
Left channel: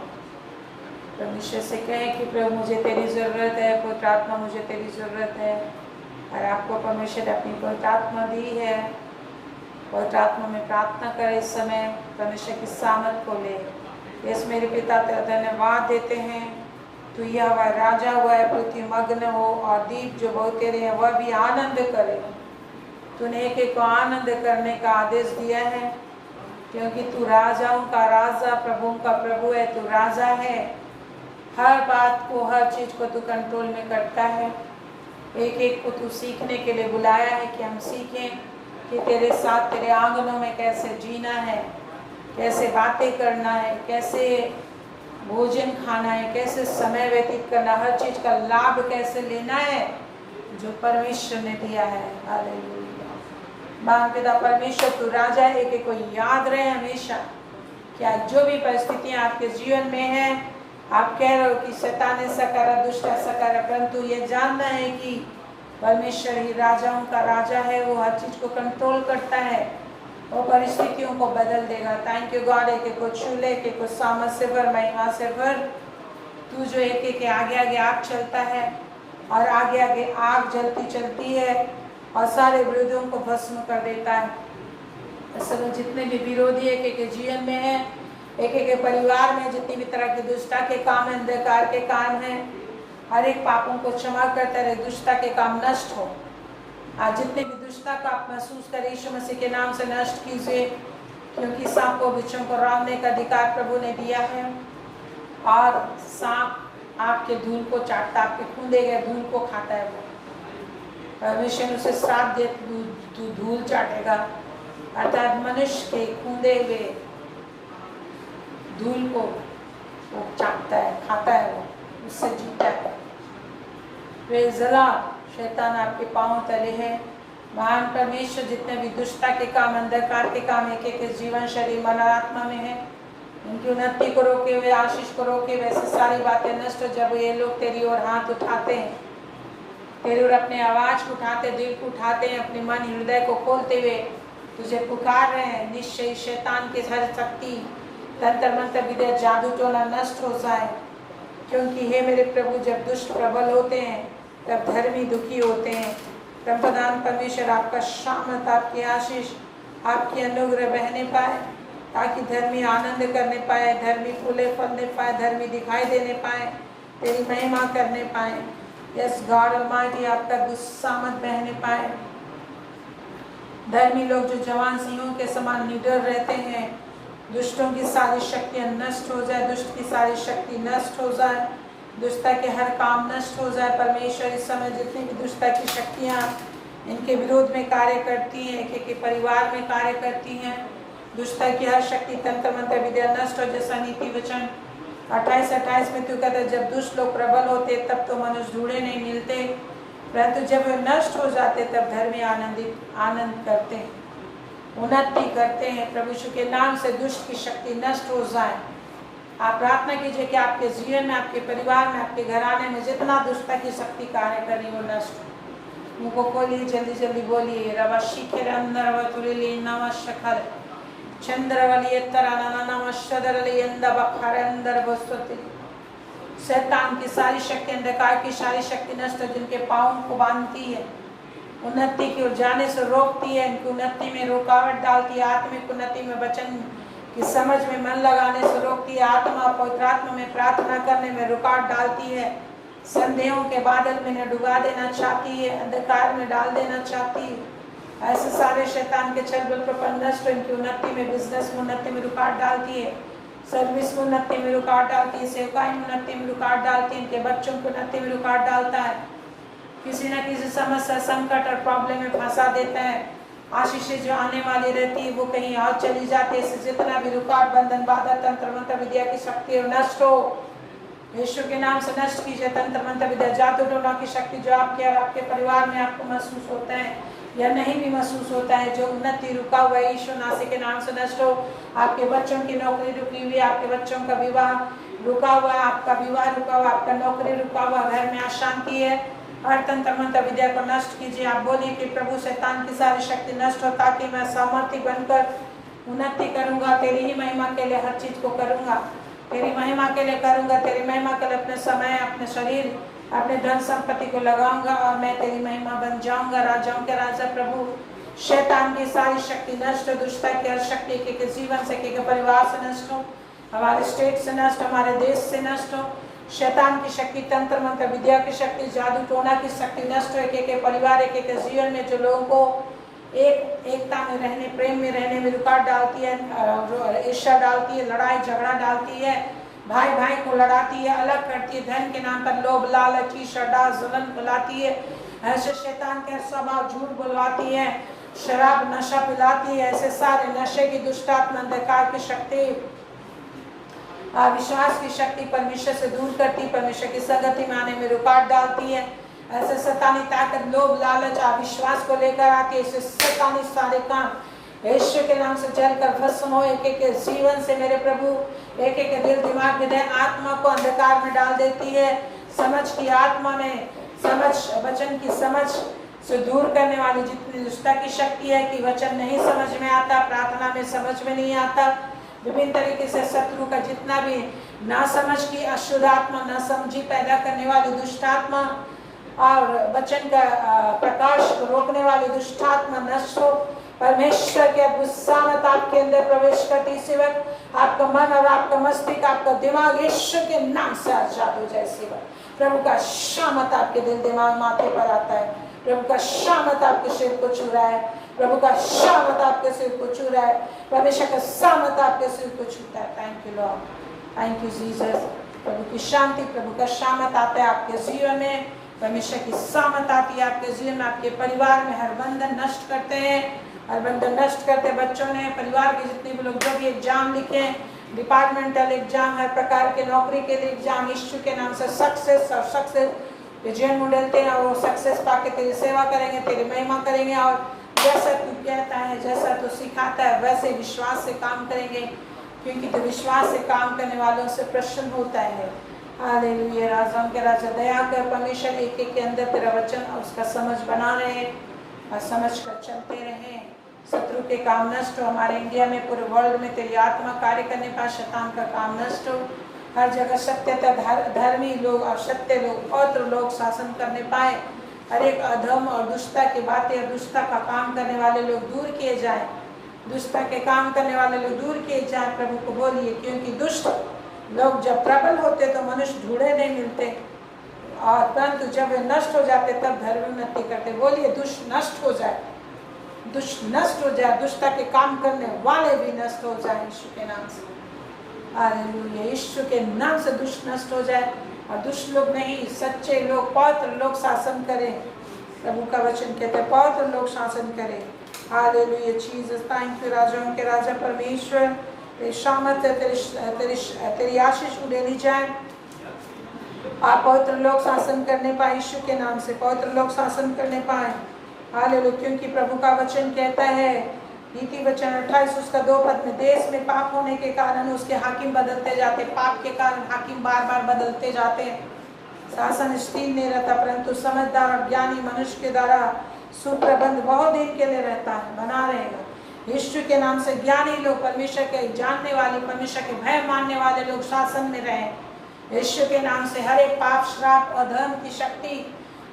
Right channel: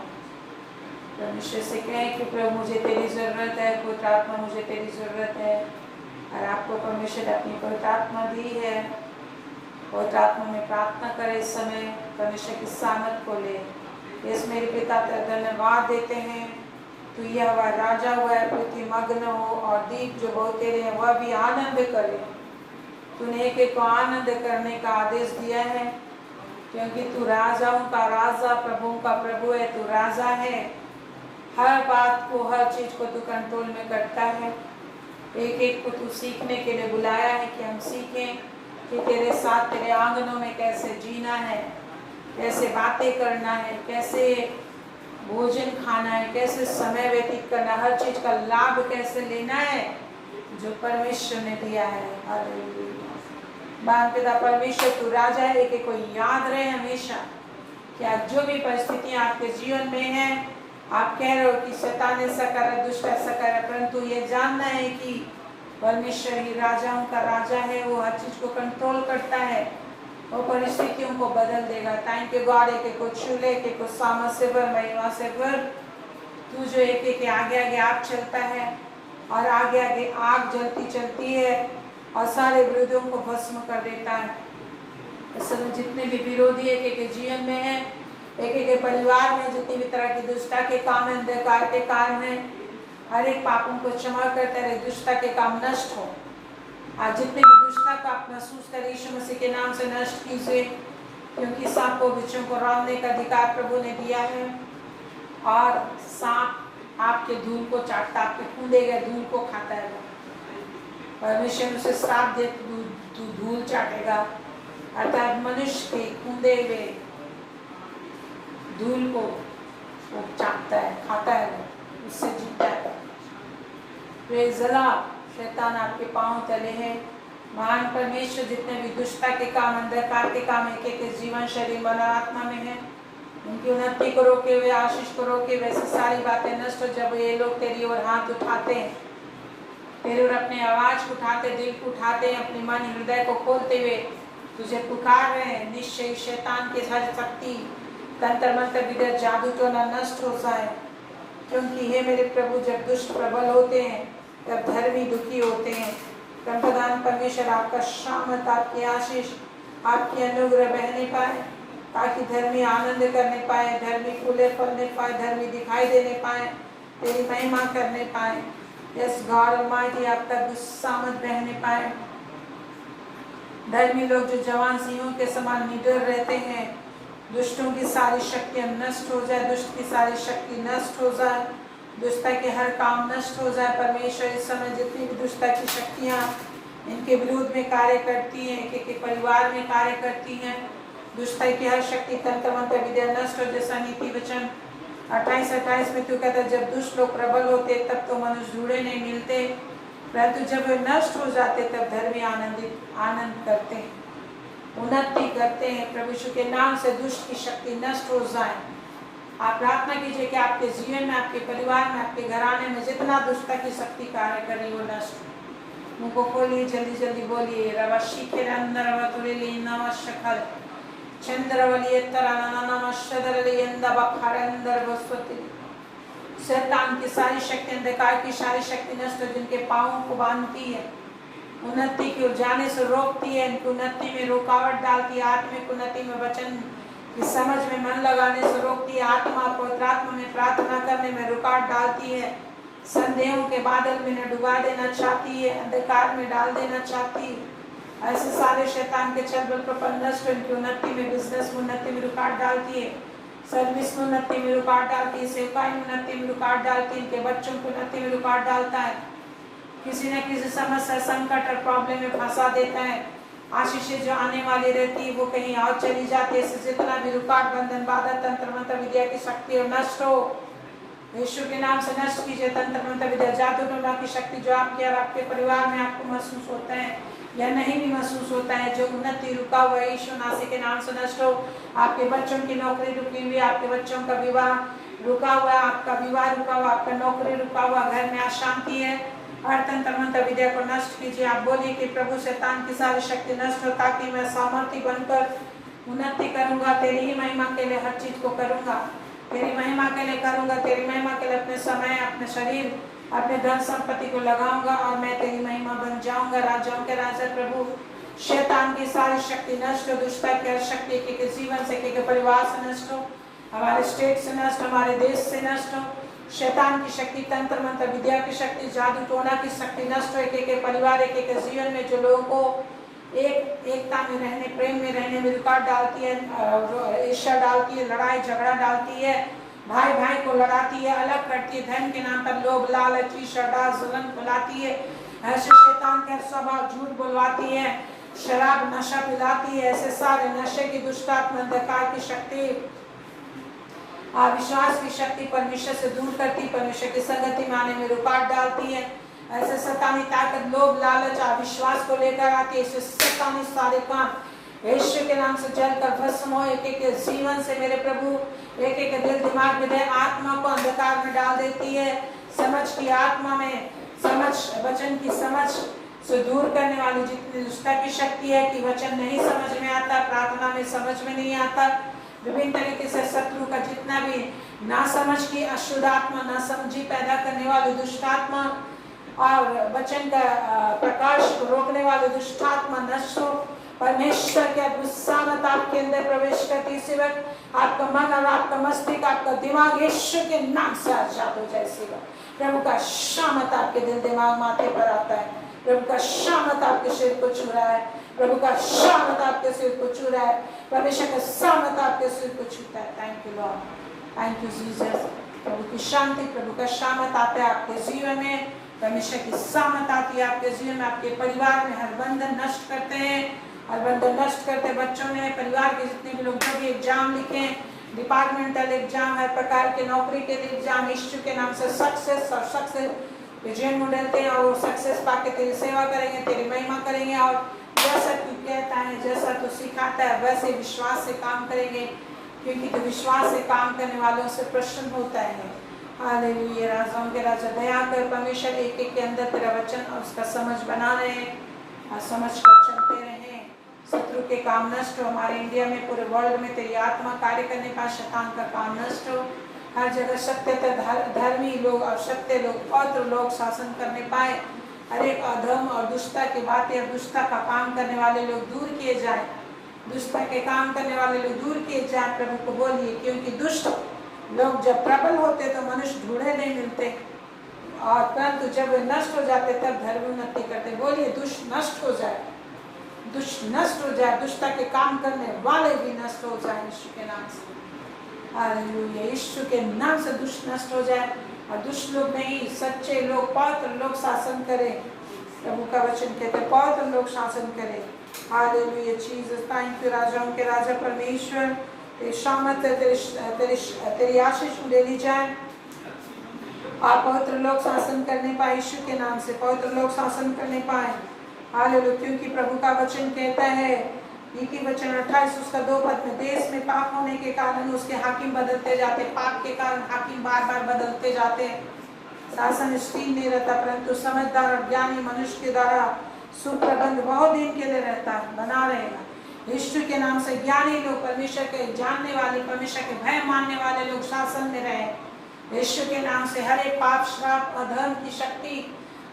परमेश्वर से कहें कि प्रभु मुझे तेरी ज़रूरत है, पवित्र आत्मा मुझे तेरी ज़रूरत है। और आपको परमेश्वर ने अपनी पवित्र आत्मा दी है। पवित्र आत्मा में प्रार्थना करें इस समय, परमेश्वर की सामर्थ को ले। यस मेरे पिता तेरा धन्यवाद देते हैं, तू यह राजा हुआ है, पृथ्वी मग्न हो और दीप जो बहुत तेरे हैं वह भी आनंद करे। तूने एक एक को आनंद करने का आदेश दिया है, क्योंकि तू राजाओं का राजा, प्रभुओं का प्रभु है। तू राजा है, हर बात को, हर चीज को तू कंट्रोल में करता है। एक एक को तू सीखने के लिए बुलाया है कि हम सीखें कि तेरे साथ तेरे आंगनों में कैसे जीना है, कैसे बातें करना है, कैसे भोजन खाना है, कैसे समय व्यतीत करना, हर चीज का लाभ कैसे लेना है जो परमेश्वर ने दिया है। हालेलुया। बाप पिता परमेश्वर तू राजा है। एक एक को याद रहे हमेशा कि आज जो भी परिस्थितियां आपके जीवन में है, आप कह रहे हो कि शैतान ऐसा करा, दुष्ट ऐसा करा, परंतु ये जानना है कि परमेश्वर ही राजाओं का राजा है। वो हर चीज को कंट्रोल करता है, वो परिस्थितियों को बदल देगा। Thank you God. एक एक को छू ले, एक एक को सामर्थ से भर, महिमा से भर। तू जो एक एक के आगे आगे आग चलता है और आगे आगे आग जलती चलती है और सारे विरोधियों को भस्म कर देता है। इस समय जितने भी विरोधी एक एक के जीवन में है, एक एक के परिवार में जितनी भी तरह की दुष्टता के काम है, अंधकार के काम है, हर एक पापों को क्षमा करते रहे, दुष्टता के काम नष्ट हो। आज जितने भी दुष्टता को आप महसूस करें, यीशु मसीह के नाम से नष्ट कीजिए, क्योंकि सांपों बिच्छों को रौंदने का अधिकार प्रभु ने दिया है और सांप आपके धूल को चाटता, आपके कूदे गए धूल को खाता है वो। परमेश्वर उसे श्राप दे, तू धूल चाटेगा, अर्थात मनुष्य के कूदे हुए धूल को वो चाटता है, खाता है वो, उससे जीता है। Praise the Lord. शैतान आपके पांव तले है। महान परमेश्वर जितने भी दुष्टता के काम, अंधकार के काम एक एक जीवन, शरीर, मन और आत्मा में है, उनकी उन्नति को रोके हुए, आशीष को रोके हुए, ऐसी सारी बातें नष्ट हो। जब ये लोग तेरी ओर हाथ उठाते हैं, तेरी ओर अपने आवाज को उठाते, दिल को उठाते हैं, अपने मन हृदय को खोलते हुए तुझे पुकार रहे हैं, निश्चय शैतान की हर शक्ति, तंत्र मंत्र, विद्या, जादू टोना नष्ट हो जाए। क्योंकि हे मेरे प्रभु, जब दुष्ट प्रबल होते हैं तब धर्मी दुखी होते हैं। प्रभुदान परमेश्वर आपका शामत, आपकी आशीष, आपकी अनुग्रह बहने पाए, ताकि धर्मी आनंद करने पाए, धर्मी फूले फलने पाए, धर्मी दिखाई देने पाए, तेरी महिमा करने पाए। यस गॉड ऑलमाइटी, आपका दुस्सामत बहने पाए। धर्मी लोग जो जवान सिंहों के समान निडर रहते हैं, दुष्टों की सारी शक्तियां नष्ट हो जाए, दुष्ट की सारी शक्ति नष्ट हो जाए, दुष्टता के हर काम नष्ट हो जाए। परमेश्वर इस समय जितनी भी दुष्टता की शक्तियां इनके विरोध में कार्य करती हैं, एक एक परिवार में कार्य करती हैं, दुष्टता की हर शक्ति, तंत्र मंत्र, विद्या नष्ट हो। जैसा नीति वचन 28:28 में तू कहता है, जब दुष्ट लोग प्रबल होते तब तो मनुष्य ढूंढे नहीं मिलते, परंतु जब वे नष्ट हो जाते तब धर्मी आनंद करते हैं, उन्नति करते हैं। प्रभु यीशु के नाम से दुष्ट की शक्ति नष्ट हो जाए। आप प्रार्थना कीजिए कि आपके जीवन में, आपके परिवार में, आपके घराने में जितना दुष्टता की शक्ति कार्य कर रही वो नष्ट। मुँह को खोलिए, जल्दी जल्दी बोलिए। रवा शिखे अंदर वतुली नव शखर शैतान की सारी शक्ति, अंधकार की सारी शक्ति नष्ट, जिनके पाँव को बांधती है, उन्नति की ओर जाने से रोकती है, इनकी उन्नति में रुकावट डालती है, आत्मिक उन्नति में, वचन की समझ में मन लगाने से रोकती है, आत्मा पवित्र आत्मा में प्रार्थना करने में रुकावट डालती है, संदेहों के बादल में डुबा देना चाहती है, अंधकार में डाल देना चाहती है। ऐसे सारे शैतान के छल बल प्रपंच नष्ट, इनकी उन्नति में, बिजनेस में उन्नति में रुकावट डालती है, सर्विस में उन्नति में रुकावट डालती है, सेवकाई में उन्नति में रुकावट डालती है, इनके बच्चों की उन्नति में रुकावट डालता है, किसी न किसी समस्या, संकट और प्रॉब्लम में फंसा देता है। आशीषें जो आने वाली रहती है वो कहीं और चली जाती है। इससे जितना भी रुकावट, बंधन, बाधा, तंत्र मंत्र, विद्या की शक्ति और नष्ट हो, यीशु के नाम से नष्ट कीजिए। तंत्र मंत्र, विद्या, जादू टोना की शक्ति जो आपके और आपके परिवार में आपको महसूस होता है या नहीं भी महसूस होता है, जो उन्नति रुका हुआ है, यीशु नासी के नाम से नष्ट हो। आपके बच्चों की नौकरी रुकी हुई, आपके बच्चों का विवाह रुका हुआ, आपका विवाह रुका हुआ, आपका नौकरी रुका हुआ, घर में अशांति है, हर तंत्र मंत्र विद्या को नष्ट कीजिए। आप बोलिए कि प्रभु शैतान की सारी शक्ति नष्ट हो, ताकि मैं सामर्थ्य बनकर उन्नति करूंगा, तेरी ही महिमा के लिए हर चीज को करूंगा, तेरी महिमा के लिए करूंगा, तेरी महिमा के लिए अपने समय, अपने शरीर, अपने धन संपत्ति को लगाऊंगा और मैं तेरी महिमा बन जाऊंगा। राजाओं के राजा प्रभु, शैतान की सारी शक्ति नष्ट हो, दुष्टता की हर शक्ति के जीवन से, के परिवार से नष्ट हो, हमारे स्टेट से नष्ट हो, हमारे देश से नष्ट हो। शैतान की शक्ति, तंत्र मंत्र, विद्या की शक्ति, जादू टोना की शक्ति नष्ट हो। एक एक परिवार, एक एक जीवन में जो लोगों को एकता में रहने, प्रेम में रहने में रुकावट डालती है, ईर्ष्या डालती है, लड़ाई झगड़ा डालती है, भाई भाई को लड़ाती है, अलग करती है, धन के नाम पर लोभ, लालच, ईर्ष्या, जलन फैलाती है। ऐसे शैतान के स्वभाव, झूठ बुलवाती है, शराब नशा पिलाती है, ऐसे सारे नशे की दुष्टात्मा, अंधकार की शक्ति, अविश्वास की शक्ति परमेश्वर से दूर करती, परमेश्वर की संगति में आने में रुकावट डालती है। ऐसे शैतानी ताकत लोभ, लालच, अविश्वास को लेकर आती है। ऐसे शैतानी सारे काम यीशु के नाम से जलकर भस्म हो। एक एक जीवन से मेरे प्रभु, एक एक दिल, दिमाग, हृदय, आत्मा को अंधकार में डाल देती है। समझ की आत्मा में, समझ, वचन की समझ से दूर करने वाली जितनी दुष्टता की शक्ति है कि वचन नहीं समझ में आता, प्रार्थना में समझ में नहीं आता, विभिन्न तरीके से शत्रु का जितना भी ना समझ की अशुद्ध आत्मा, ना समझी पैदा करने वाली दुष्टात्मा और वचन का प्रकाश को रोकने वाली दुष्टात्मा नष्ट हो। परमेश्वर के अद्भुत सामर्थ आपके अंदर प्रवेश करती इसी वक्त आपका मन और आपका मस्तिष्क, आपका दिमाग यीशु के नाम से आजाद हो जाए। इसी वक्त प्रभु का शामत आपके दिल, दिमाग, माथे पर आता है। प्रभु का शामत आपके सिर को छू रहा है। प्रभु का शामत आपके सिर को छू रहा है। परमेश्वर का सामर्थ आपके सिर को छूता है। Thank you Lord, thank you Jesus. प्रभु की शांति, प्रभु का शामत आता है आपके जीवन में, परमेश्वर की सामत आती है आपके जीवन में, आपके परिवार में हर बंधन नष्ट करते हैं, हर बंधन नष्ट करते बच्चों ने, परिवार के जितने भी लोग जो भी एग्जाम लिखे, डिपार्टमेंटल एग्जाम, हर प्रकार के नौकरी के लिए एग्जाम, यीशु के नाम से सक्सेस और सक्सेस विजय में डलते हैं और सक्सेस पाके तेरी सेवा करेंगे, तेरी महिमा करेंगे और जैसा तू कहता है, जैसा तू सिखाता है वैसे विश्वास से काम करेंगे, क्योंकि तू विश्वास से काम करने वालों से प्रसन्न होता है। हालेलुया। राजाओं के राजा दया कर परमेश्वर, एक एक के अंदर तेरा वचन और उसका समझ बना रहे और समझ कर चलते रहे, शत्रु के काम नष्ट हो, हमारे इंडिया में पूरे वर्ल्ड में तेरी आत्मा कार्य करने पाए, शैतान का काम नष्ट हो, हर जगह सत्यता धर्मी लोग और सत्य लोग पवित्र लोग शासन करने पाए, हर एक अधर्म और दुष्टता की बातें और दुष्टता का काम करने वाले लोग दूर किए जाए, दुष्टता के काम करने वाले लोग दूर किए जाए। प्रभु को बोलिए, क्योंकि दुष्ट लोग जब प्रबल होते तो मनुष्य ढूंढे नहीं मिलते, और परंतु जब वे नष्ट हो जाते तब धर्म उन्नति करते। बोलिए, दुष्ट नष्ट हो जाए, दुष्ट नष्ट हो जाए, दुष्टता के काम करने वाले भी नष्ट हो जाए यीशु के नाम से। हालेलुया। यीशु के नाम से दुष्ट नष्ट हो जाए और दुष्ट लोग नहीं, सच्चे लोग, पवित्र लोग शासन करें। प्रभु का वचन कहते हैं पवित्र लोग शासन करें। हालेलुया। जीसस, थैंक यू राजाओं के राजा परमेश्वर, तेरी शामत, तेरी आशीष उड़ेली जाए, आप पवित्र लोग शासन करने पाए यीशु के नाम से, पवित्र लोग शासन करने पाए। हालेलुया। क्योंकि प्रभु का वचन कहता है, नीति वचन 28 उसका 2 पद में, देश में पाप होने के कारण उसके हाकिम बदलते जाते, पाप के कारण हाकिम बार बार बदलते जाते हैं, शासन स्थिर नहीं रहता, परंतु समझदार और ज्ञानी मनुष्य के द्वारा सुप्रबंध बहुत दिन के लिए रहता है, बना रहेगा। यीशु के नाम से ज्ञानी लोग, परमेश्वर के जानने वाले, परमेश्वर के भय मानने वाले लोग शासन में रहे। यीशु के नाम से हर एक पाप, श्राप, अधर्म की शक्ति,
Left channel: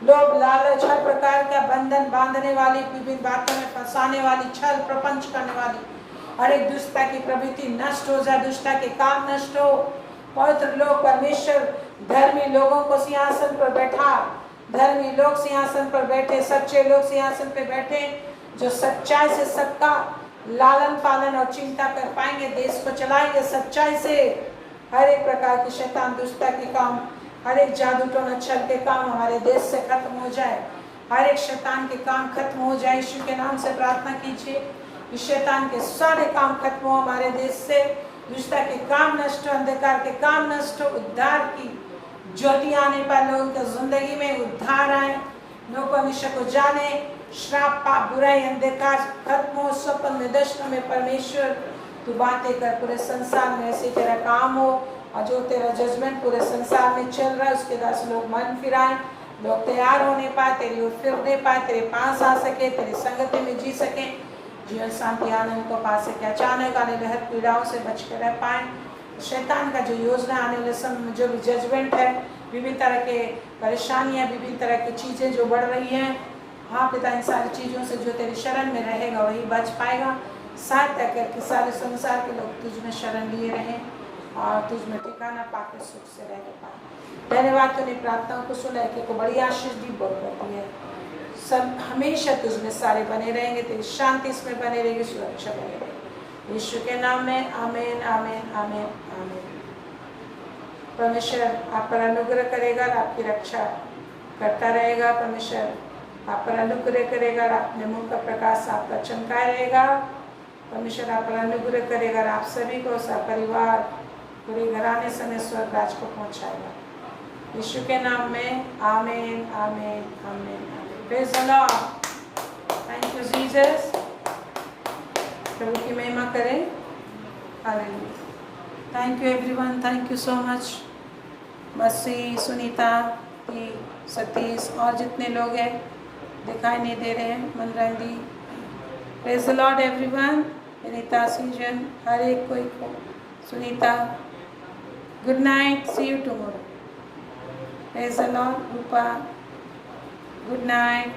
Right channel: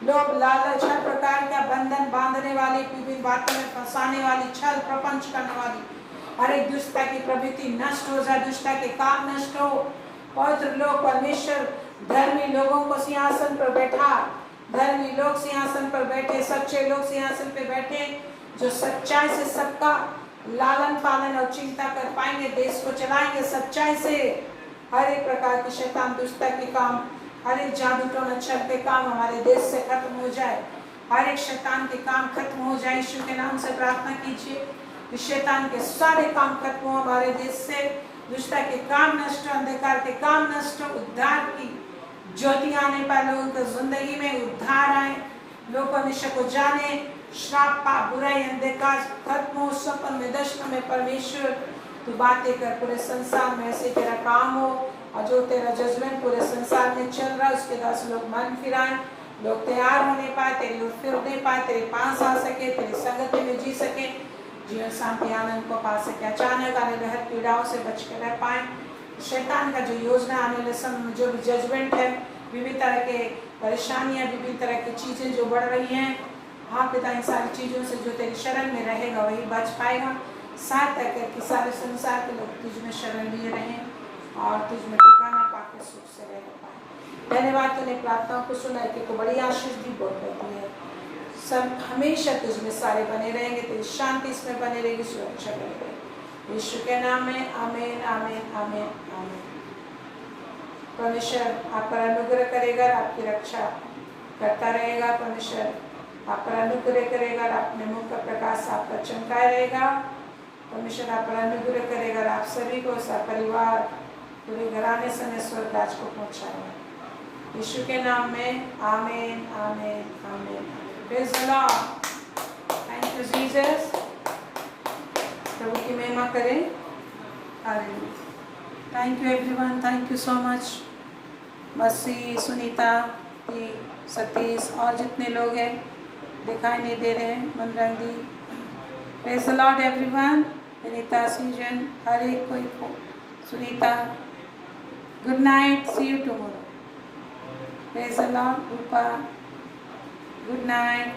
लोभ, लालच, हर प्रकार का बंधन बांधने वाली, विभिन्न बातों में फंसाने वाली, छल प्रपंच करने वाली हर एक दुष्टता की प्रवृत्ति नष्ट हो जाए, दुष्टता के काम नष्ट हो। पवित्र लोग, परमेश्वर धर्मी लोगों को सिंहासन पर बैठा, धर्मी लोग सिंहासन पर बैठे, सच्चे लोग सिंहासन पर बैठे, जो सच्चाई से सबका लालन पालन और चिंता कर पाएंगे, देश को चलाएंगे सच्चाई से। हर एक प्रकार की शैतान दुष्टता के काम, हर एक जादू टोना छल के काम हमारे देश से खत्म हो जाए, हर एक शैतान के काम खत्म हो जाए। यीशु के नाम से प्रार्थना कीजिए कि शैतान के सारे काम खत्म हो हमारे देश से, दुष्टता के काम नष्ट हो, अंधकार के काम नष्ट हो, उद्धार की ज्योति आने पाए, लोगों की जिंदगी में उद्धार आए, लोग परमेश्वर को जाने, श्राप, पाप, बुराई, अंधकार खत्म हो, स्वप्न में, दर्शन में परमेश्वर तू बातें कर, पूरे संसार में ऐसे तेरा काम हो, और जो तेरा जजमेंट पूरे संसार में चल रहा है उसके दस लोग मन फिराए, लोग तैयार होने पाए, तेरी ओर फिरने पाए, तेरे पास आ सके, तेरी संगति में जी सके, जीवन शांति आनंद को पा सके, अचानक आने वाले हर पीड़ाओं से बच कर रह पाए। शैतान का जो योजना आने वाले समय में जो भी जजमेंट है, विभिन्न तरह के परेशानियां, विभिन्न तरह की चीज़ें जो बढ़ रही हैं, हाँ पिता, इन सारी चीज़ों से जो तेरी शरण में रहेगा वही बच पाएगा। सहायता करके सारे संसार के लोग तुझ में शरण लिए रहें और तुझ में ठिकाना पाकर सुख से रह पाए। धन्यवाद, तूने प्रार्थनाओं को सुना है कि बड़ी आशीष भी बहुत होती है। सब हमेशा तुझ में सारे बने रहेंगे, तेरी शांति इसमें बने रहेगी, सुरक्षा बनी रहेगी। यीशु के नाम में आमीन, आमीन, आमीन, आमीन। परमेश्वर आप पर अनुग्रह करेगा, आपकी रक्षा करता रहेगा। परमेश्वर आप पर अनुग्रह करेगा, अपने मुख का प्रकाश आप पर चमकाए रहेगा। परमेश्वर आप पर अनुग्रह करेगा, आप सभी को, सब परिवार, पूरे घराने समेत स्वर्ग राज को पहुंचाएगा। यीशु के नाम में आमीन, आमीन, आमीन। Praise the Lord. Thank you Jesus. प्रभु की महिमा करें। Hallelujah. Thank you everyone, thank you so much. मसी, सुनीता, सतीश और जितने लोग हैं दिखाई नहीं दे रहे हैं, मनरंगी। Praise the Lord everyone. Anita, सीजन, हर एक कोई को, Sunita, good night, see you tomorrow. Praise the Lord. Rupa, good night.